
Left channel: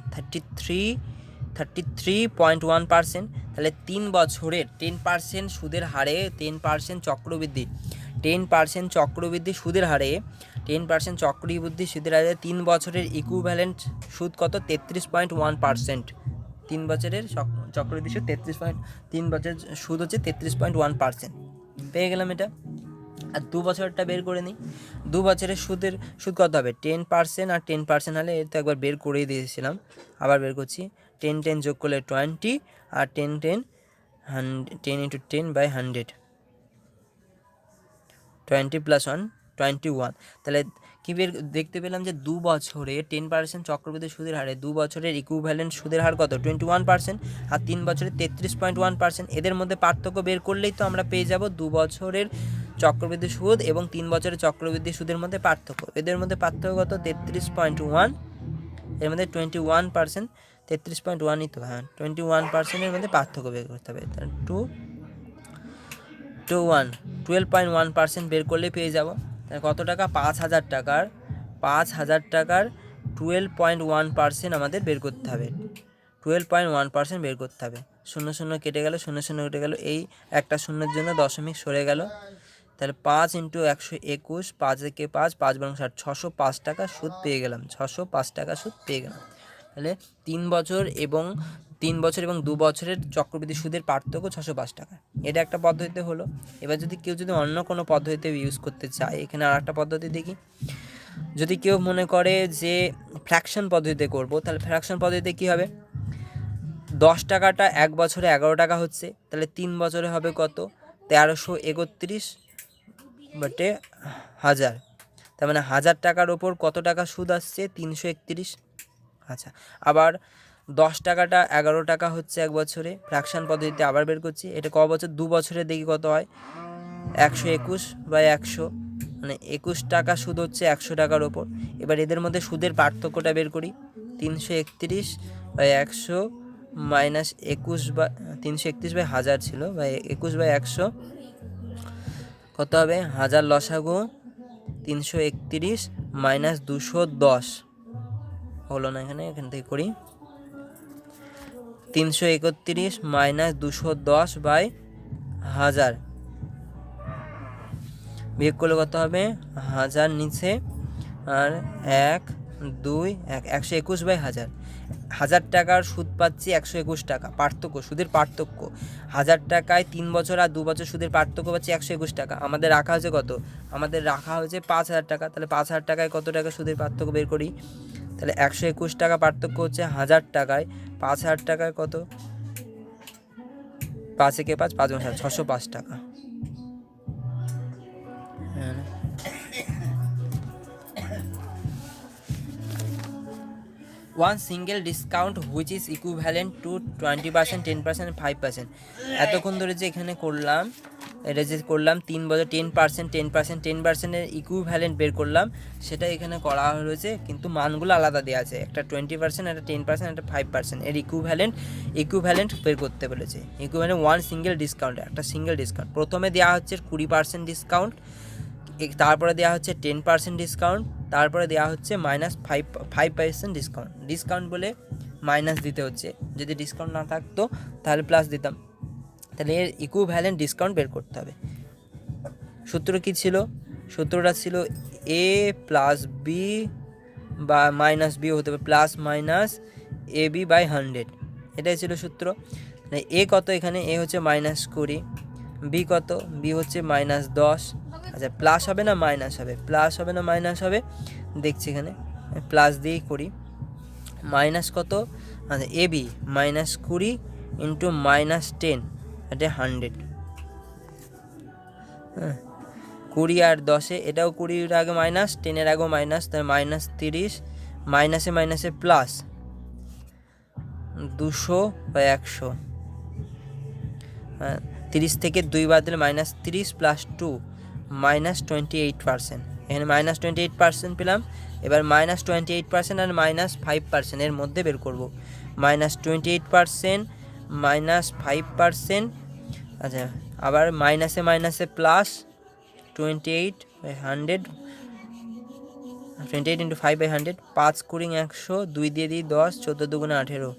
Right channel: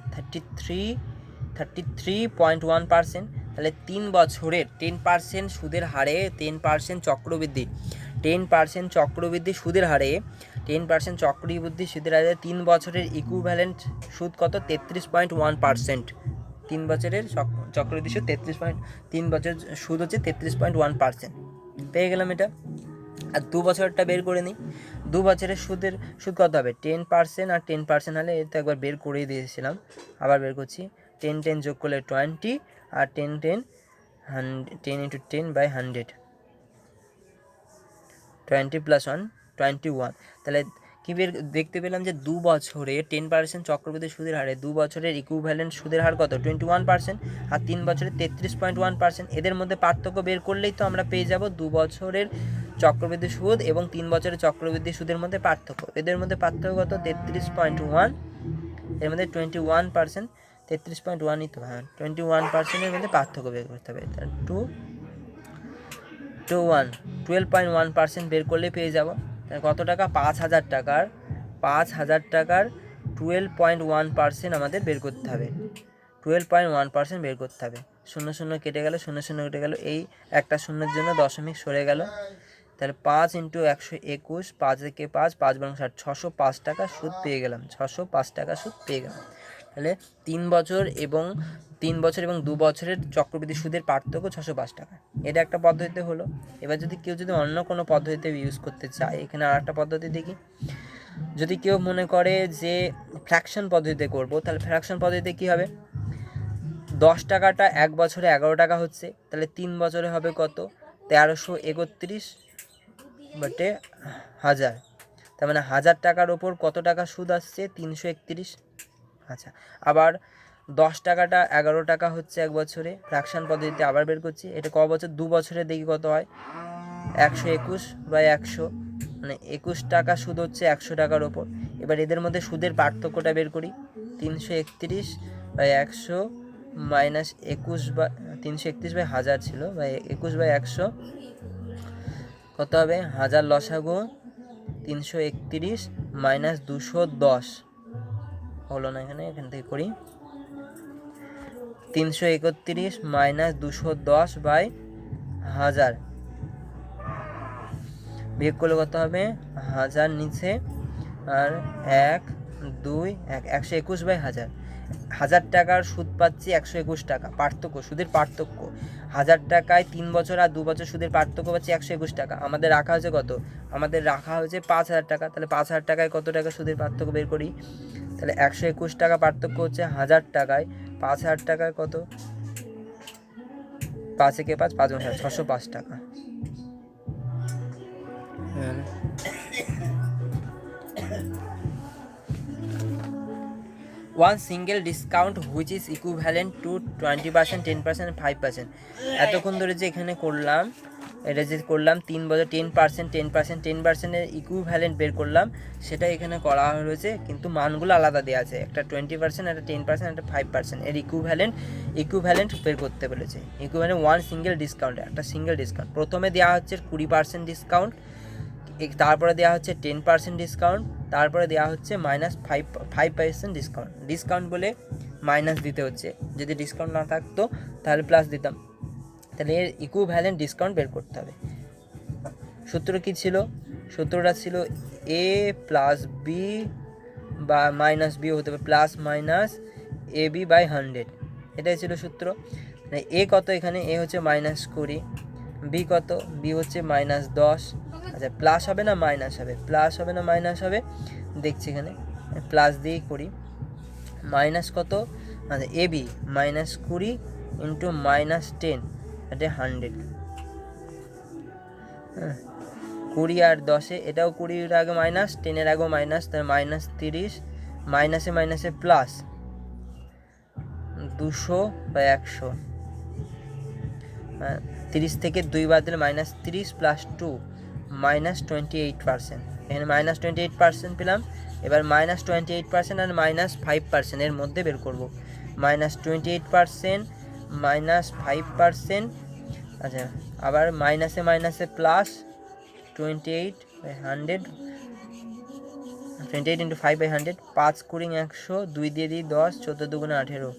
33.1%। তাহলে 3 বছরের 10% সুদের হারে 10% চক্রবৃদ্ধি 10% চক্রবৃদ্ধি সুদের হারে 10% চক্রবৃদ্ধি সুদের হারে 3 বছরের ইকুইভ্যালেন্ট সুদ কত? 33.1%। 3 বছরের চক্রবৃদ্ধি সুদ 3 বছরের সুদ হচ্ছে 33.1%। পেয়ে গেলাম এটা। আর 2 বছরটা বের করে নিই। 2 বছরের সুদ কত হবে? 10% আর 10% হলে এটা একবার বের করেই দিয়েছিলাম, আবার বের করছি। 10 যোগ করলে 20 আর 10 ইন্টু 10 বাই 100, 20 প্লাস 1 21। তাহলে কী দেখতে পেলাম যে 2 বছরে 10% চক্রবৃদ্ধি সুদের হারে 2 বছরের ইকুইভ্যালেন্ট সুদের হার কত? 21%, আর 3 বছরের 33.1%। এদের মধ্যে পার্থক্য বের করলেই তো আমরা পেয়ে যাব 2 বছরের চক্রবৃদ্ধি সুদ এবং 3 বছরের চক্রবৃদ্ধি সুদের মধ্যে পার্থক্য। এদের মধ্যে পার্থক্য কত? 33.1, এর মধ্যে 21%, 33.1ই তো, হ্যাঁ 21%-এর মধ্যে পার্থক্য বের করতে হবে। 12.1% বের করলে পেয়ে যাব কত টাকা? 5,000 টাকার 5,000 টাকার 12.1% আমাদের বের করতে হবে। 12.1% বের করতে হবে। 0 0 কেটে গেল, 0 0 কেটে গেল, এই একটা শূন্যের জন্য দশমিক সরে গেল। তাহলে 5 × 121, 5 একে 5, 5 × 60, 605 টাকা সুদ পেয়ে গেলাম। 605 টাকা সুদ পেয়ে গেলাম। তাহলে 3 বছর এবং 2 বছরের চক্রবৃদ্ধি সুদের পার্থক্য 605 টাকা। এটা একটা পদ্ধতিতে হলো। এবার যদি কেউ অন্য কোনো পদ্ধতিতে ইউজ করতে চায়, এখানে আর একটা পদ্ধতি দেখি। যদি কেউ মনে করে যে ফ্র্যাকশন পদ্ধতিতে করব, তাহলে ফ্র্যাকশন পদ্ধতিতে কী হবে, 10 টাকাটা 1 বছরে 11 টাকা হচ্ছে, তাহলে 3 বছরে হবে কত, 1331/1000। তার মানে 1000 টাকার ওপর কত টাকা সুদ আসছে, 331। আচ্ছা, আবার 10 টাকাটা 11 টাকা হচ্ছে 1 বছরে, ফ্র্যাকশন পদ্ধতিতে আবার বের করছি। এটা ক বছর, 2 বছরে দেখি কত হয়, 121/100, মানে 21 টাকা সুদ হচ্ছে 100 টাকার ওপর। এবার এদের মধ্যে সুদের পার্থক্যটা বের করি। 331/100 মাইনাস 331/1000 ছিল, বা 21/100 কত হবে, 1000 লসাগু 331 মাইনাস 210 হলো না, এখান থেকে করি। 331 মাইনাস 210/1000 বিয়োগ করলে কত হবে, 1000 নিচে আর 1 2 1, 121/1000। 1000 টাকার সুদ পাচ্ছি 121 টাকা, পার্থক্য, সুদের পার্থক্য। 1000 টাকায় 3 বছর আর 2 বছর সুদের পার্থক্য পাচ্ছি 121 টাকা। আমাদের রাখা হয়েছে কত, আমাদের রাখা হয়েছে 5000 টাকা। তাহলে 5000 টাকায় কত টাকা সুদের পার্থক্য বের করি। তাহলে 121 টাকা পার্থক্য হচ্ছে 1000 টাকায়, 5000 টাকায় কত, 5 একে 5, 5 × 605 টাকা। One single discount which is equivalent to 20%, 10%, 5%. এতক্ষণ ধরে যে এখানে করলাম, এটা যে করলাম 3 বছর 10%, 10%, 10%-এর ইকুইভ্যালেন্ট বের করলাম, সেটা এখানে করা হয়েছে, কিন্তু মানগুলো আলাদা দেওয়া আছে। একটা 20%, একটা 10%, একটা 5%। এর ইকুইভ্যালেন্ট বের করতে বলেছে। ইকুইভ্যালেন্ট ওয়ান সিঙ্গেল ডিসকাউন্ট, একটা সিঙ্গেল ডিসকাউন্ট। প্রথমে দেওয়া হচ্ছে 20% ডিসকাউন্ট, তারপরে দেওয়া হচ্ছে 10% ডিসকাউন্ট, তারপরে দেওয়া হচ্ছে -5% ডিসকাউন্ট। ডিসকাউন্ট বলে মাইনাস দিতে হচ্ছে, যদি ডিসকাউন্ট না থাকতো তাহলে প্লাস দিতাম। তাহলে এর ইকুইভ্যালেন্ট ডিসকাউন্ট বের করতে হবে। সূত্র কী ছিল, সূত্রটা ছিল a + b বা -b হতে হবে, +-ab/100, এটাই ছিল সূত্র। এ কত, এখানে এ হচ্ছে -20, বি কত, বি হচ্ছে -10। আচ্ছা, প্লাস হবে না মাইনাস হবে, প্লাস হবে না মাইনাস হবে, দেখছি এখানে প্লাস দিয়েই করি। মাইনাস কত, আচ্ছা এবি -20 × -10, এটা 100। 20 আর 10, এটাও 20-এর আগে মাইনাস, 10-এর আগেও মাইনাস, তাই -30, মাইনাসে মাইনাসে প্লাস, 200/100। 30 থেকে 2 বাদ দিলে -30 + 2 -28%। এখানে -28% পেলাম। এবার -28% আর -5% এর মধ্যে বের করব। -28%, -5%, আচ্ছা আবার মাইনাসে মাইনাসে প্লাস, 28/100, 28 × 5/100, 5 × 100, 2 দিয়ে দিই 10, 14 × 2 = 18,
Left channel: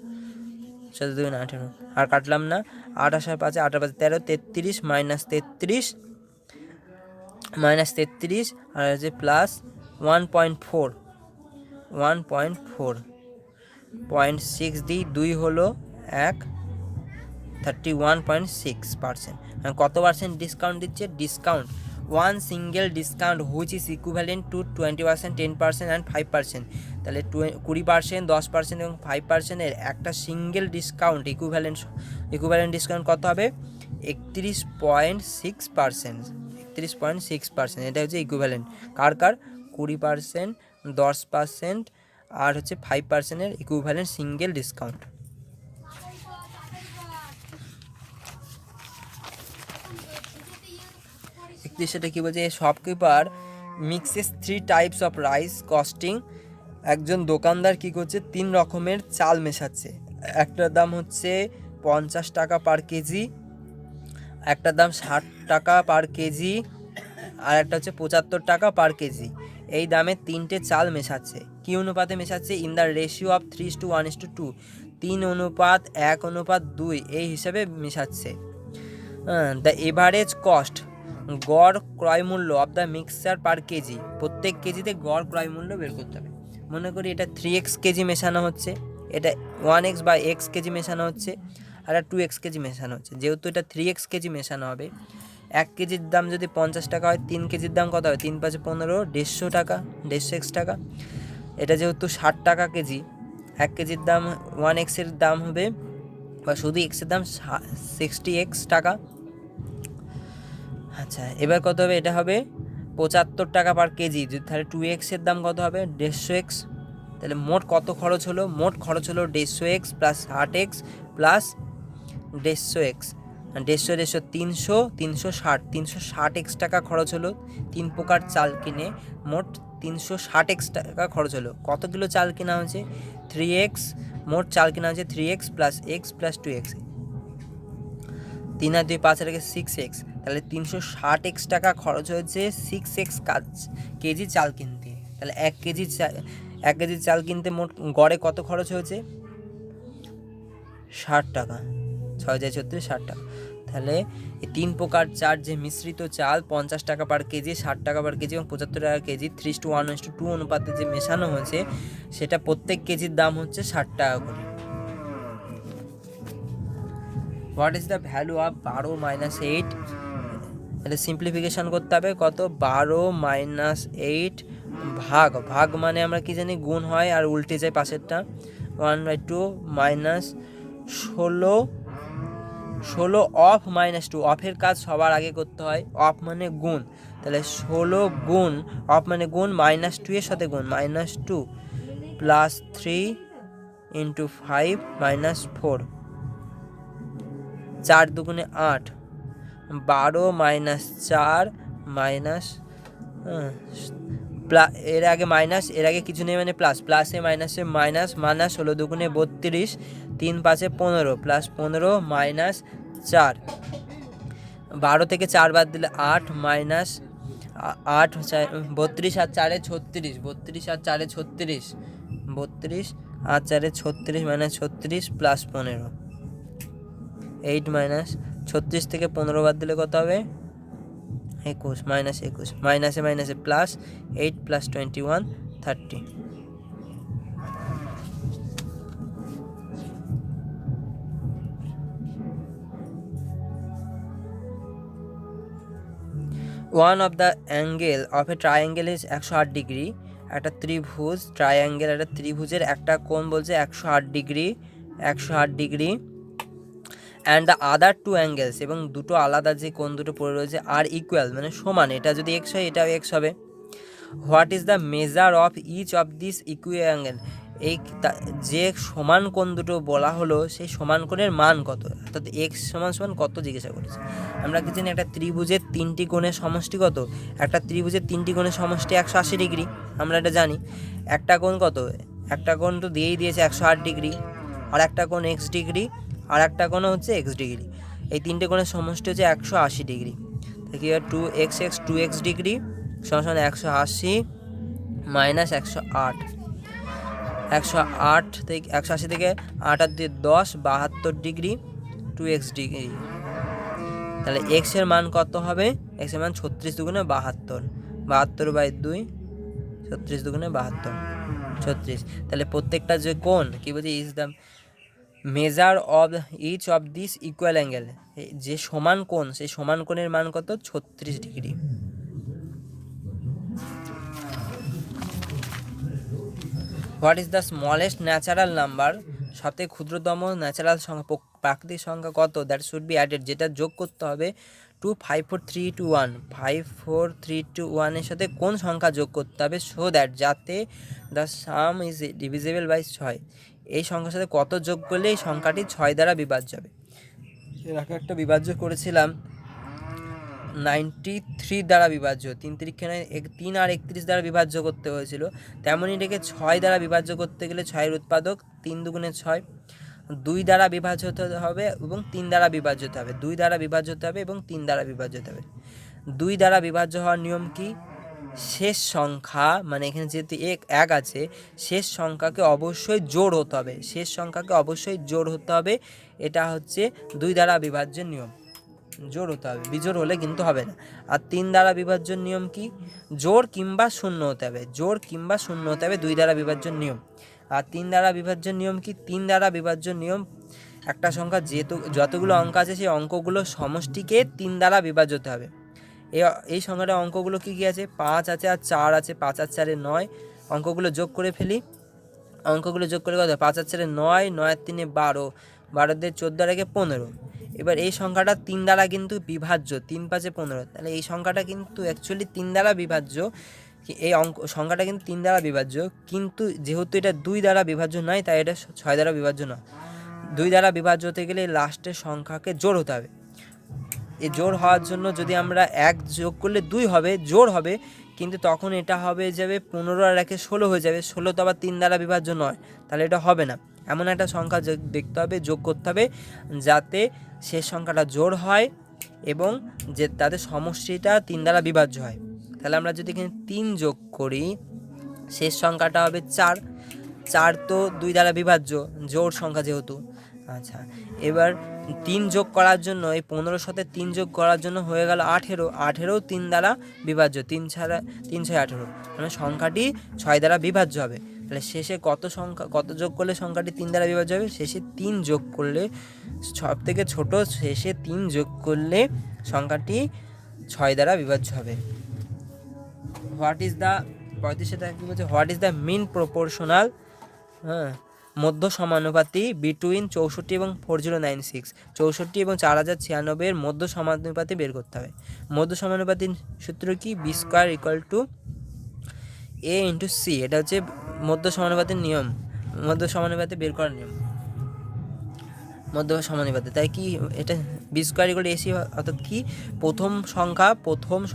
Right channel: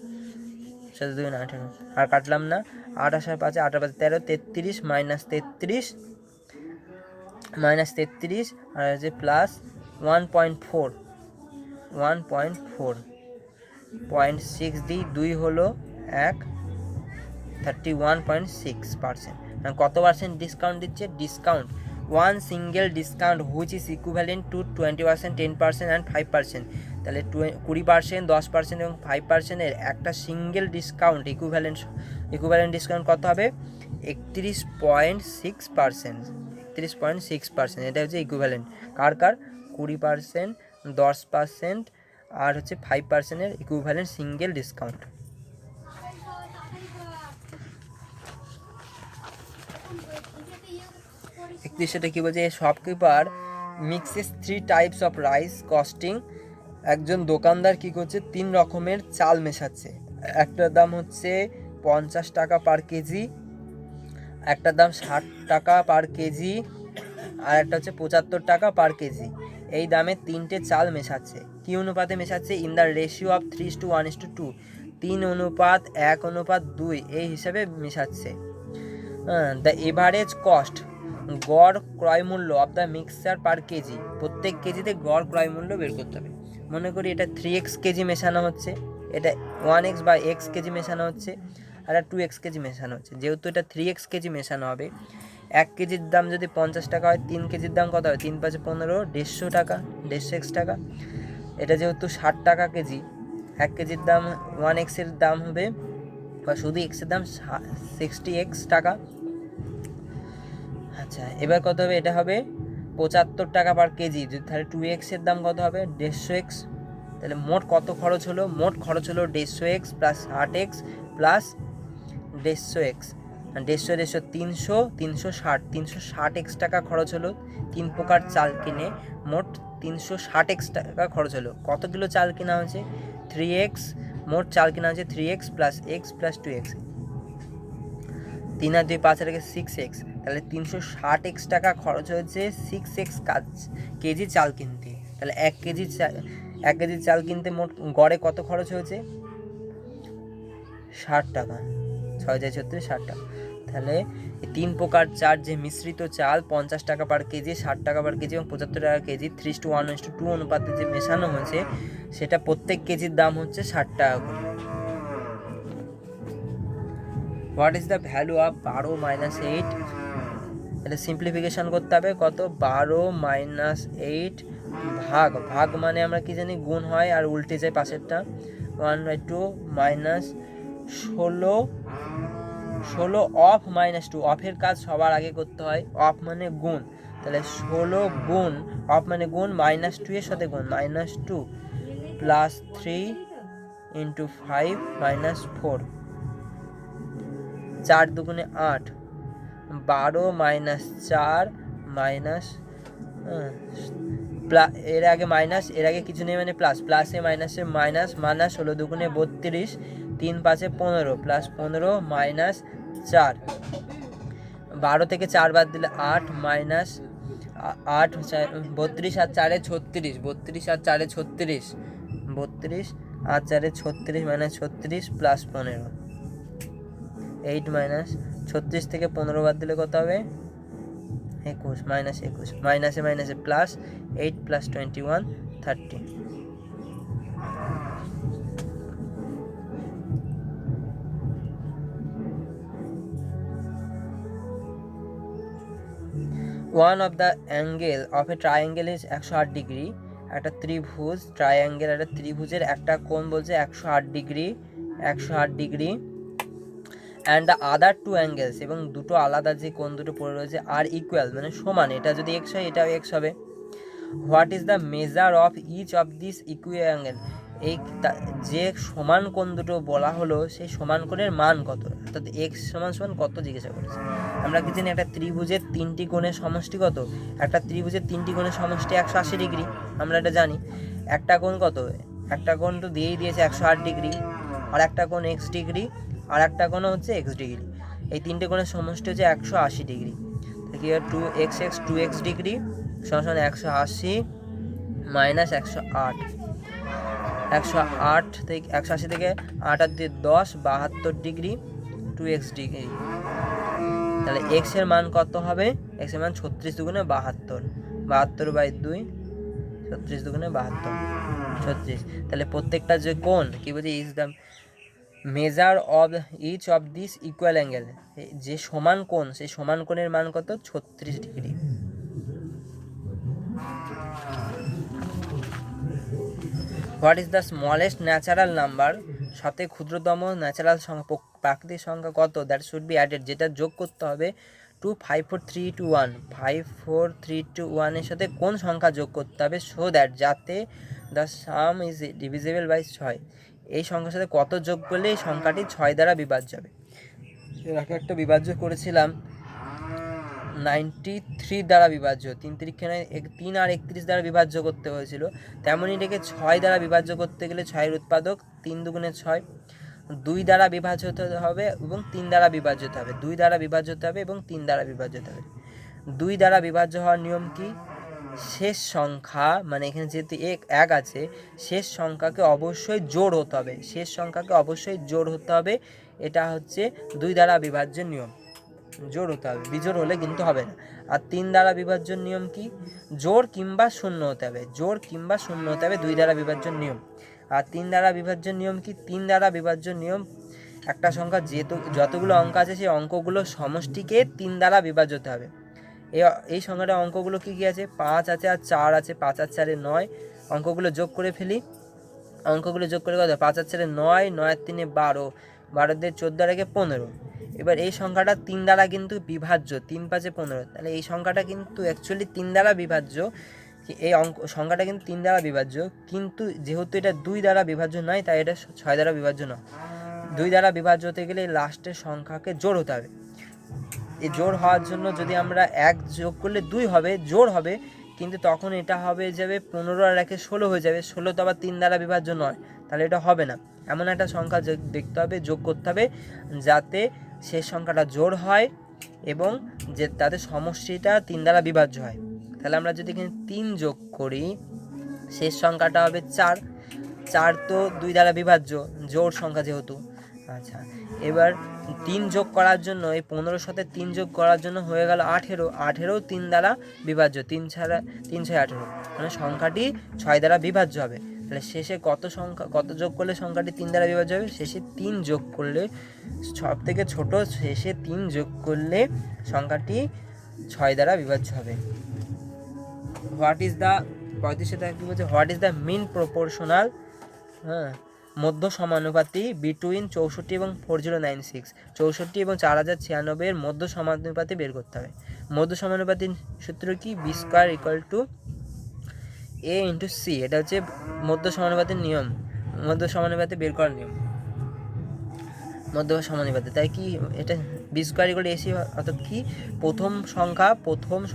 14 × 2 = 18, আর কাটলাম না। 8 আর 5, 8 আর 5 13, 33 -33 আর হচ্ছে প্লাস 1.4, 0.6 দিই, 2 হলো 1, 31.6%। কত পার্সেন্ট ডিসকাউন্ট দিচ্ছে, discount one single discount which is equivalent to 20%, 10% and 5%। তাহলে 20%, 10% এবং 5%-এর একটা সিঙ্গেল ডিসকাউন্ট ইকুইভ্যালেন্ট ডিসকাউন্ট কত হবে, 31.6%। 31.6%, এটা হচ্ছে ইকুইভ্যালেন্ট কার 20%, 10% আর হচ্ছে 5%-এর ইকুইভ্যালেন্ট সিঙ্গেল ডিসকাউন্ট। সেটা কি বলছে, shopkeeper mixes 3 types of rice costing. একজন দোকানদার কি করছে, 3 রকমের চাল মেশাচ্ছে। একটার দাম হচ্ছে 50 টাকা পার কেজি, একটার দাম 60 টাকা পার কেজি, আর একটা হচ্ছে 75 টাকা পার কেজি। এই দামে 3টে চাল মেশাচ্ছে। কি অনুপাতে মেশাচ্ছে? ইন দ্য রেশিও অফ 3:1:2, 3:1:2 এই হিসাবে মেশাচ্ছে। দ্য এভারেজ কস্ট, গড় ক্রয় মূল্য of the mixture per KG, প্রত্যেক কেজিতে গড় ক্রয় মূল্য বের করতে হবে। মনে করি এটা 3x কেজি মেশানো হচ্ছে, এটা 1x বা x কেজি মেশানো হচ্ছে, আর 2x কেজি মেশানো হচ্ছে। যেহেতু এটা 3x কেজি মেশানো হবে, 1 কেজির দাম যদি 50 টাকা হয়, 3 কেজির দাম কত হবে? 3 × 5 = 15, 150 টাকা, 150x টাকা। এটা যেহেতু 60 টাকা কেজি, 1 কেজির দাম 1x এর দাম হবে, বা শুধু x এর দাম 60x টাকা। আচ্ছা, এবার কত হবে? এটা হবে 75 টাকা পার কেজি। তাহলে 2x এর দাম কত হবে? 150x। তাহলে মোট কত খরচ হলো? মোট খরচ হলো 150x plus 60x plus 150x, 150 300, 360, 360x টাকা খরচ হলো। 3 প্রকার চাল কিনে মোট 360x টাকা খরচ হলো। কত কিলো চাল কেনা হয়েছে? 3x। মোট চাল কেনা হয়েছে 3x plus x plus 2x, 3 আর 2 5 আর 6x। তাহলে 360x টাকা খরচ হয়েছে 6x কেজি চাল কিনতে। তাহলে 1 কেজি চাল কিনতে মোট গড়ে কত খরচ হয়েছে? 60 টাকা। 6×36 60 টাকা। তাহলে এই 3 প্রকার চাল যে মিশ্রিত চাল 50 টাকা পার কেজি, 60 টাকা পার কেজি এবং 75 টাকা কেজি 3:1:2 অনুপাতে যে মেশানো হয়েছে, সেটা প্রত্যেক কেজির দাম হচ্ছে 60 টাকা করে। What is the value of 12 - 8? এটা সিম্পলিফিকেশন করতে হবে। কত? 12 - 8 ভাগ মানে আমরা কি জানি? গুণ হয় আর উল্টে যায় পাশেরটা। 1/2 মাইনাস 16 অফ -2। অফের কাজ সবার আগে করতে হয়। অফ মানে গুণ, তাহলে 16 গুণ, অফ মানে গুণ, -2 এর সাথে গুণ, -2 প্লাস 3 × 5 - 4, 4 দুগুণে 8, 12 - 4 মাইনাস, এর আগে মাইনাস, এর আগে কিছু নেই মানে প্লাস, প্লাসে মাইনাসে মাইনাস, মাইনাস 16 দুগুণে 32, 3 × 5 = 15, প্লাস 15 মাইনাস 4, 12 থেকে 4 বাদ দিলে 8, মাইনাস 8, 32 আর 4 = 36, 32 আর 4 = 36, 32 আর 4 = 36, মাইনাস 36 প্লাস 15, 8 মাইনাস 36 থেকে 15 বাদ দিলে কত হবে? 21, মাইনাস 21, মাইনাসে মাইনাসে plus, 8 plus 21 30। One of the angle of a triangle is 108 degree. একটা ত্রিভুজ, ট্রায়াঙ্গেল, একটা ত্রিভুজের একটা কোণ বলছে 108 degree, 108 degree. And the other 2 angles, এবং দুটো আলাদা যে কোণ দুটো পড়ে রয়েছে আর ইকুয়াল মানে সমান, এটা যদি x হয় এটাও x হবে। What is the measure of each of this equal angle? এই যে সমান কোণ দুটো বলা হলো, সেই সমান কোণের মান কত? অর্থাৎ x = কত জিজ্ঞাসা করেছে। আমরা কি জানি একটা ত্রিভুজের 3টি কোণের সমষ্টি কত? একটা ত্রিভুজের 3টি কোণের সমষ্টি 180 ডিগ্রি, আমরা এটা জানি। একটা কোণ কত? একটা কোণ তো দিয়েই দিয়েছে 108 ডিগ্রি, আর একটা কোণ x ডিগ্রি, আর একটা কোণ হচ্ছে x ডিগ্রি। এই 3টে কোণের সমষ্টি হচ্ছে 180 ডিগ্রি। কি হয়? 2x 2x ডিগ্রি সমান 180 মাইনাস 108, 108 থেকে 180 থেকে 8 আর 10, 72 ডিগ্রি, 2x ডিগ্রি। তাহলে x এর মান কত হবে? x এর মান 36 দুগুণে 72, 72/2, 36 দুগুণে 72, 36। তাহলে প্রত্যেকটা যে কোণ কি বলছে? Is the measure of each of this equal angle, যে সমান কোণ সেই সমান কোণের মান কত? 36 degree. What is the smallest natural number? সবথেকে ক্ষুদ্রতম ন্যাচারাল সংখ্যা, প্রাকৃতিক সংখ্যা কত? দ্যাট শুড বি অ্যাডেড, যেটা যোগ করতে হবে টু 5 4 3 2 1, 5 4 3 2 1 এর সাথে কোন সংখ্যা যোগ করতে হবে? সো দ্যাট, যাতে the sum is divisible by 6। এই সংখ্যার সাথে কত যোগ করলে এই সংখ্যাটি 6 দ্বারা বিভাজ্য হবে? এর আগে একটা বিভাজ্য করেছিলাম 93 দ্বারা বিভাজ্য, 3 আর 31 দ্বারা বিভাজ্য করতে হয়েছিল। তেমনই এটাকে 6 দ্বারা বিভাজ্য করতে গেলে 6-এর উৎপাদক 3 দুগুণে 6, 2 দ্বারা বিভাজ্য হতে হবে এবং 3 দ্বারা বিভাজ্য হতে হবে, 2 দ্বারা বিভাজ্য হতে হবে এবং 3 দ্বারা বিভাজ্য হতে হবে। 2 দ্বারা বিভাজ্য হওয়ার নিয়ম কি? শেষ সংখ্যা মানে এখানে যেহেতু এক আছে, শেষ সংখ্যাকে অবশ্যই জোড় হতে হবে, শেষ সংখ্যাকে অবশ্যই জোড় হতে হবে। এটা হচ্ছে 2 দ্বারা বিভাজ্য নিয়ম, জোড় হতে হবে, বিজোড় হলে কিন্তু হবে না। আর 3 দ্বারা বিভাজ্য নিয়ম কি? জোড় কিংবা শূন্য হতে হবে, জোড় কিংবা শূন্য হতে হবে 2 দ্বারা বিভাজ্য নিয়ম। আর 3 দ্বারা বিভাজ্য নিয়ম কি? 3 দ্বারা বিভাজ্য নিয়ম একটা সংখ্যা যতগুলো অঙ্ক আছে সেই অঙ্কগুলো সমষ্টিকে 3 দ্বারা বিভাজ্য হতে হবে। এই সংখ্যাটা অঙ্কগুলো কি কি আছে? 5 আছে আর 4 আছে, 5 আর 4 9। অঙ্কগুলো যোগ করে ফেলি, অঙ্কগুলো যোগ করে কত? 5 আর 4 9, 9 আর 3 12, 12 দিয়ে 14 আর 1 15। এবার এই সংখ্যাটা 3 দ্বারা কিন্তু বিভাজ্য, 3 5 15, তাহলে এই সংখ্যাটা কিন্তু অ্যাকচুয়ালি 3 দ্বারা বিভাজ্য। এই সংখ্যাটা কিন্তু 3 দ্বারা বিভাজ্য, কিন্তু যেহেতু এটা 2 দ্বারা বিভাজ্য নয় তাই এটা 6 দ্বারা বিভাজ্য নয়। 2 দ্বারা বিভাজ্য হতে গেলে লাস্টের সংখ্যাকে জোড় হতে হবে। এই জোড় হওয়ার জন্য যদি আমরা 1 যোগ করলে 2 হবে, জোড় হবে, কিন্তু তখন এটা হবে যাবে 15 আর 1 16 হয়ে যাবে। 16 তো আবার 3 দ্বারা বিভাজ্য নয়, তাহলে এটা হবে না। এমন একটা সংখ্যা দেখতে হবে, যোগ করতে হবে, যাতে শেষ সংখ্যাটা জোড় হয় এবং যে তাদের সমষ্টিটা 3 দ্বারা বিভাজ্য হয়। তাহলে আমরা যদি এখানে 3 যোগ করি, শেষ সংখ্যাটা হবে 4। 4 তো 2 দ্বারা বিভাজ্য, জোড় সংখ্যা যেহেতু। আচ্ছা, এবার 3 যোগ করার জন্য, এই 15 সাথে 3 যোগ করার জন্য হয়ে গেল 18। 18 3 দ্বারা বিভাজ্য, 3 ছাড়া 3 6 18, মানে সংখ্যাটি 6 দ্বারা বিভাজ্য হবে। তাহলে শেষে কত যোগ করলে সংখ্যাটি 3 দ্বারা বিভাজ্য হবে? শেষে 3 যোগ করলে, সব থেকে ছোট শেষে 3 যোগ করলে সংখ্যাটি 6 দ্বারা বিভাজ্য হবে। হোয়াট ইজ দ্য 35 কি বলছে? What is the mean proportional মধ্য সমানুপাতি বিটুইন 64 এবং 4096? 64 এবং 4096 এর মধ্য সমানুপাতি বের করতে হবে। মধ্য সমানুপাতির সূত্র কি? B square equal to a into c. এটা হচ্ছে মধ্য সমানুপাতির নিয়ম, মধ্য সমানুপাতি বের করার নিয়ম, মধ্য সমানুপাতি। তাই কি এটা b square equal to ac, অর্থাৎ কি প্রথম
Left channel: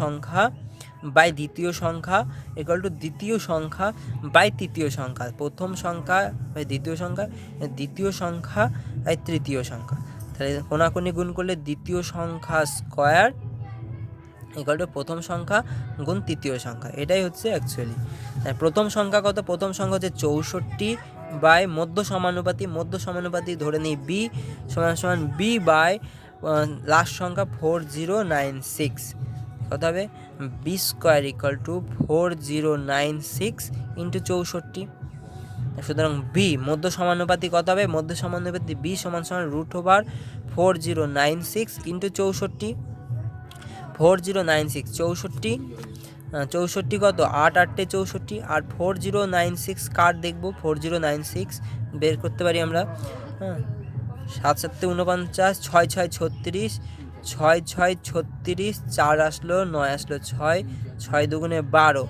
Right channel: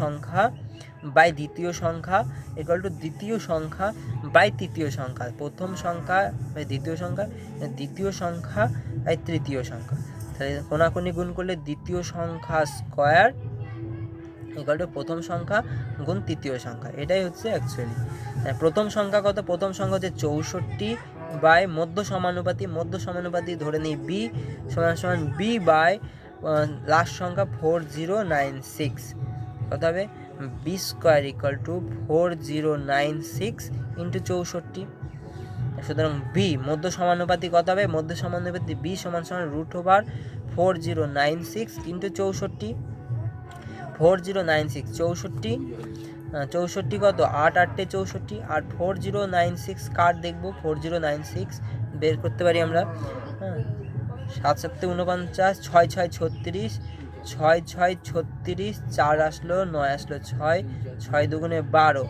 সংখ্যা বাই দ্বিতীয় সংখ্যা ইকুয়াল টু দ্বিতীয় সংখ্যা বাই তৃতীয় সংখ্যা, প্রথম সংখ্যা বাই দ্বিতীয় সংখ্যা, দ্বিতীয় সংখ্যা বাই তৃতীয় সংখ্যা। তাহলে কোনাকুনি গুণ করলে দ্বিতীয় সংখ্যা স্কোয়ার ইকুয়াল টু প্রথম সংখ্যা গুণ তৃতীয় সংখ্যা। এটাই হচ্ছে অ্যাকচুয়ালি প্রথম সংখ্যা কত? প্রথম সংখ্যা হচ্ছে 64 বাই মধ্য সমানুপাতি ধরে নিই বি সমান বি বাই লাস্ট সংখ্যা 4096। কত হবে? B square equal to 4096 into 64। সুতরাং বি মধ্য সমানুপাতি কত হবে? মধ্য সমানুপাতি বি সমান √4096 ইন্টু 64। 4096 64 কত? 8 8 64, আর 4096 কার দেখবো? 4096 বের করতে পারি আমরা। 7 7 49, 6 6 36, 6 6 36, 4 আসলো, 9 আসলো, 6 6 দুগুণে 12।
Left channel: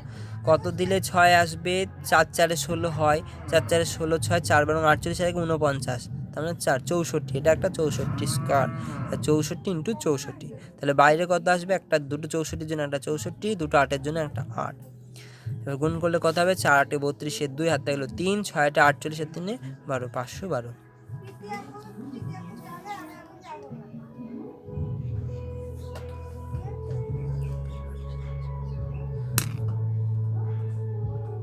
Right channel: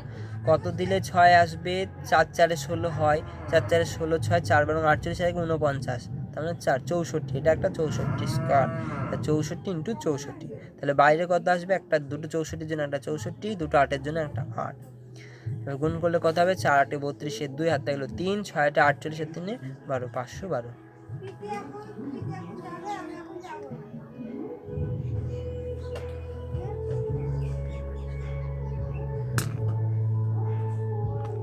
কত দিলে 6 আসবে? 4 4 16 হয়, 4 4 16, 6 4 12 48 আর 49, তাহলে 4 64। এটা একটা 64 স্কোয়ার, 64 ইন্টু 64। তাহলে বাইরে কত আসবে? একটা দুটো 64-এর জন্য একটা 64, দুটো 8-এর জন্য একটা 8। এবার গুণ করলে কত হবে? 4 8 32, 2 হাতে গেল 3, 6 8 48, 3 12, 512।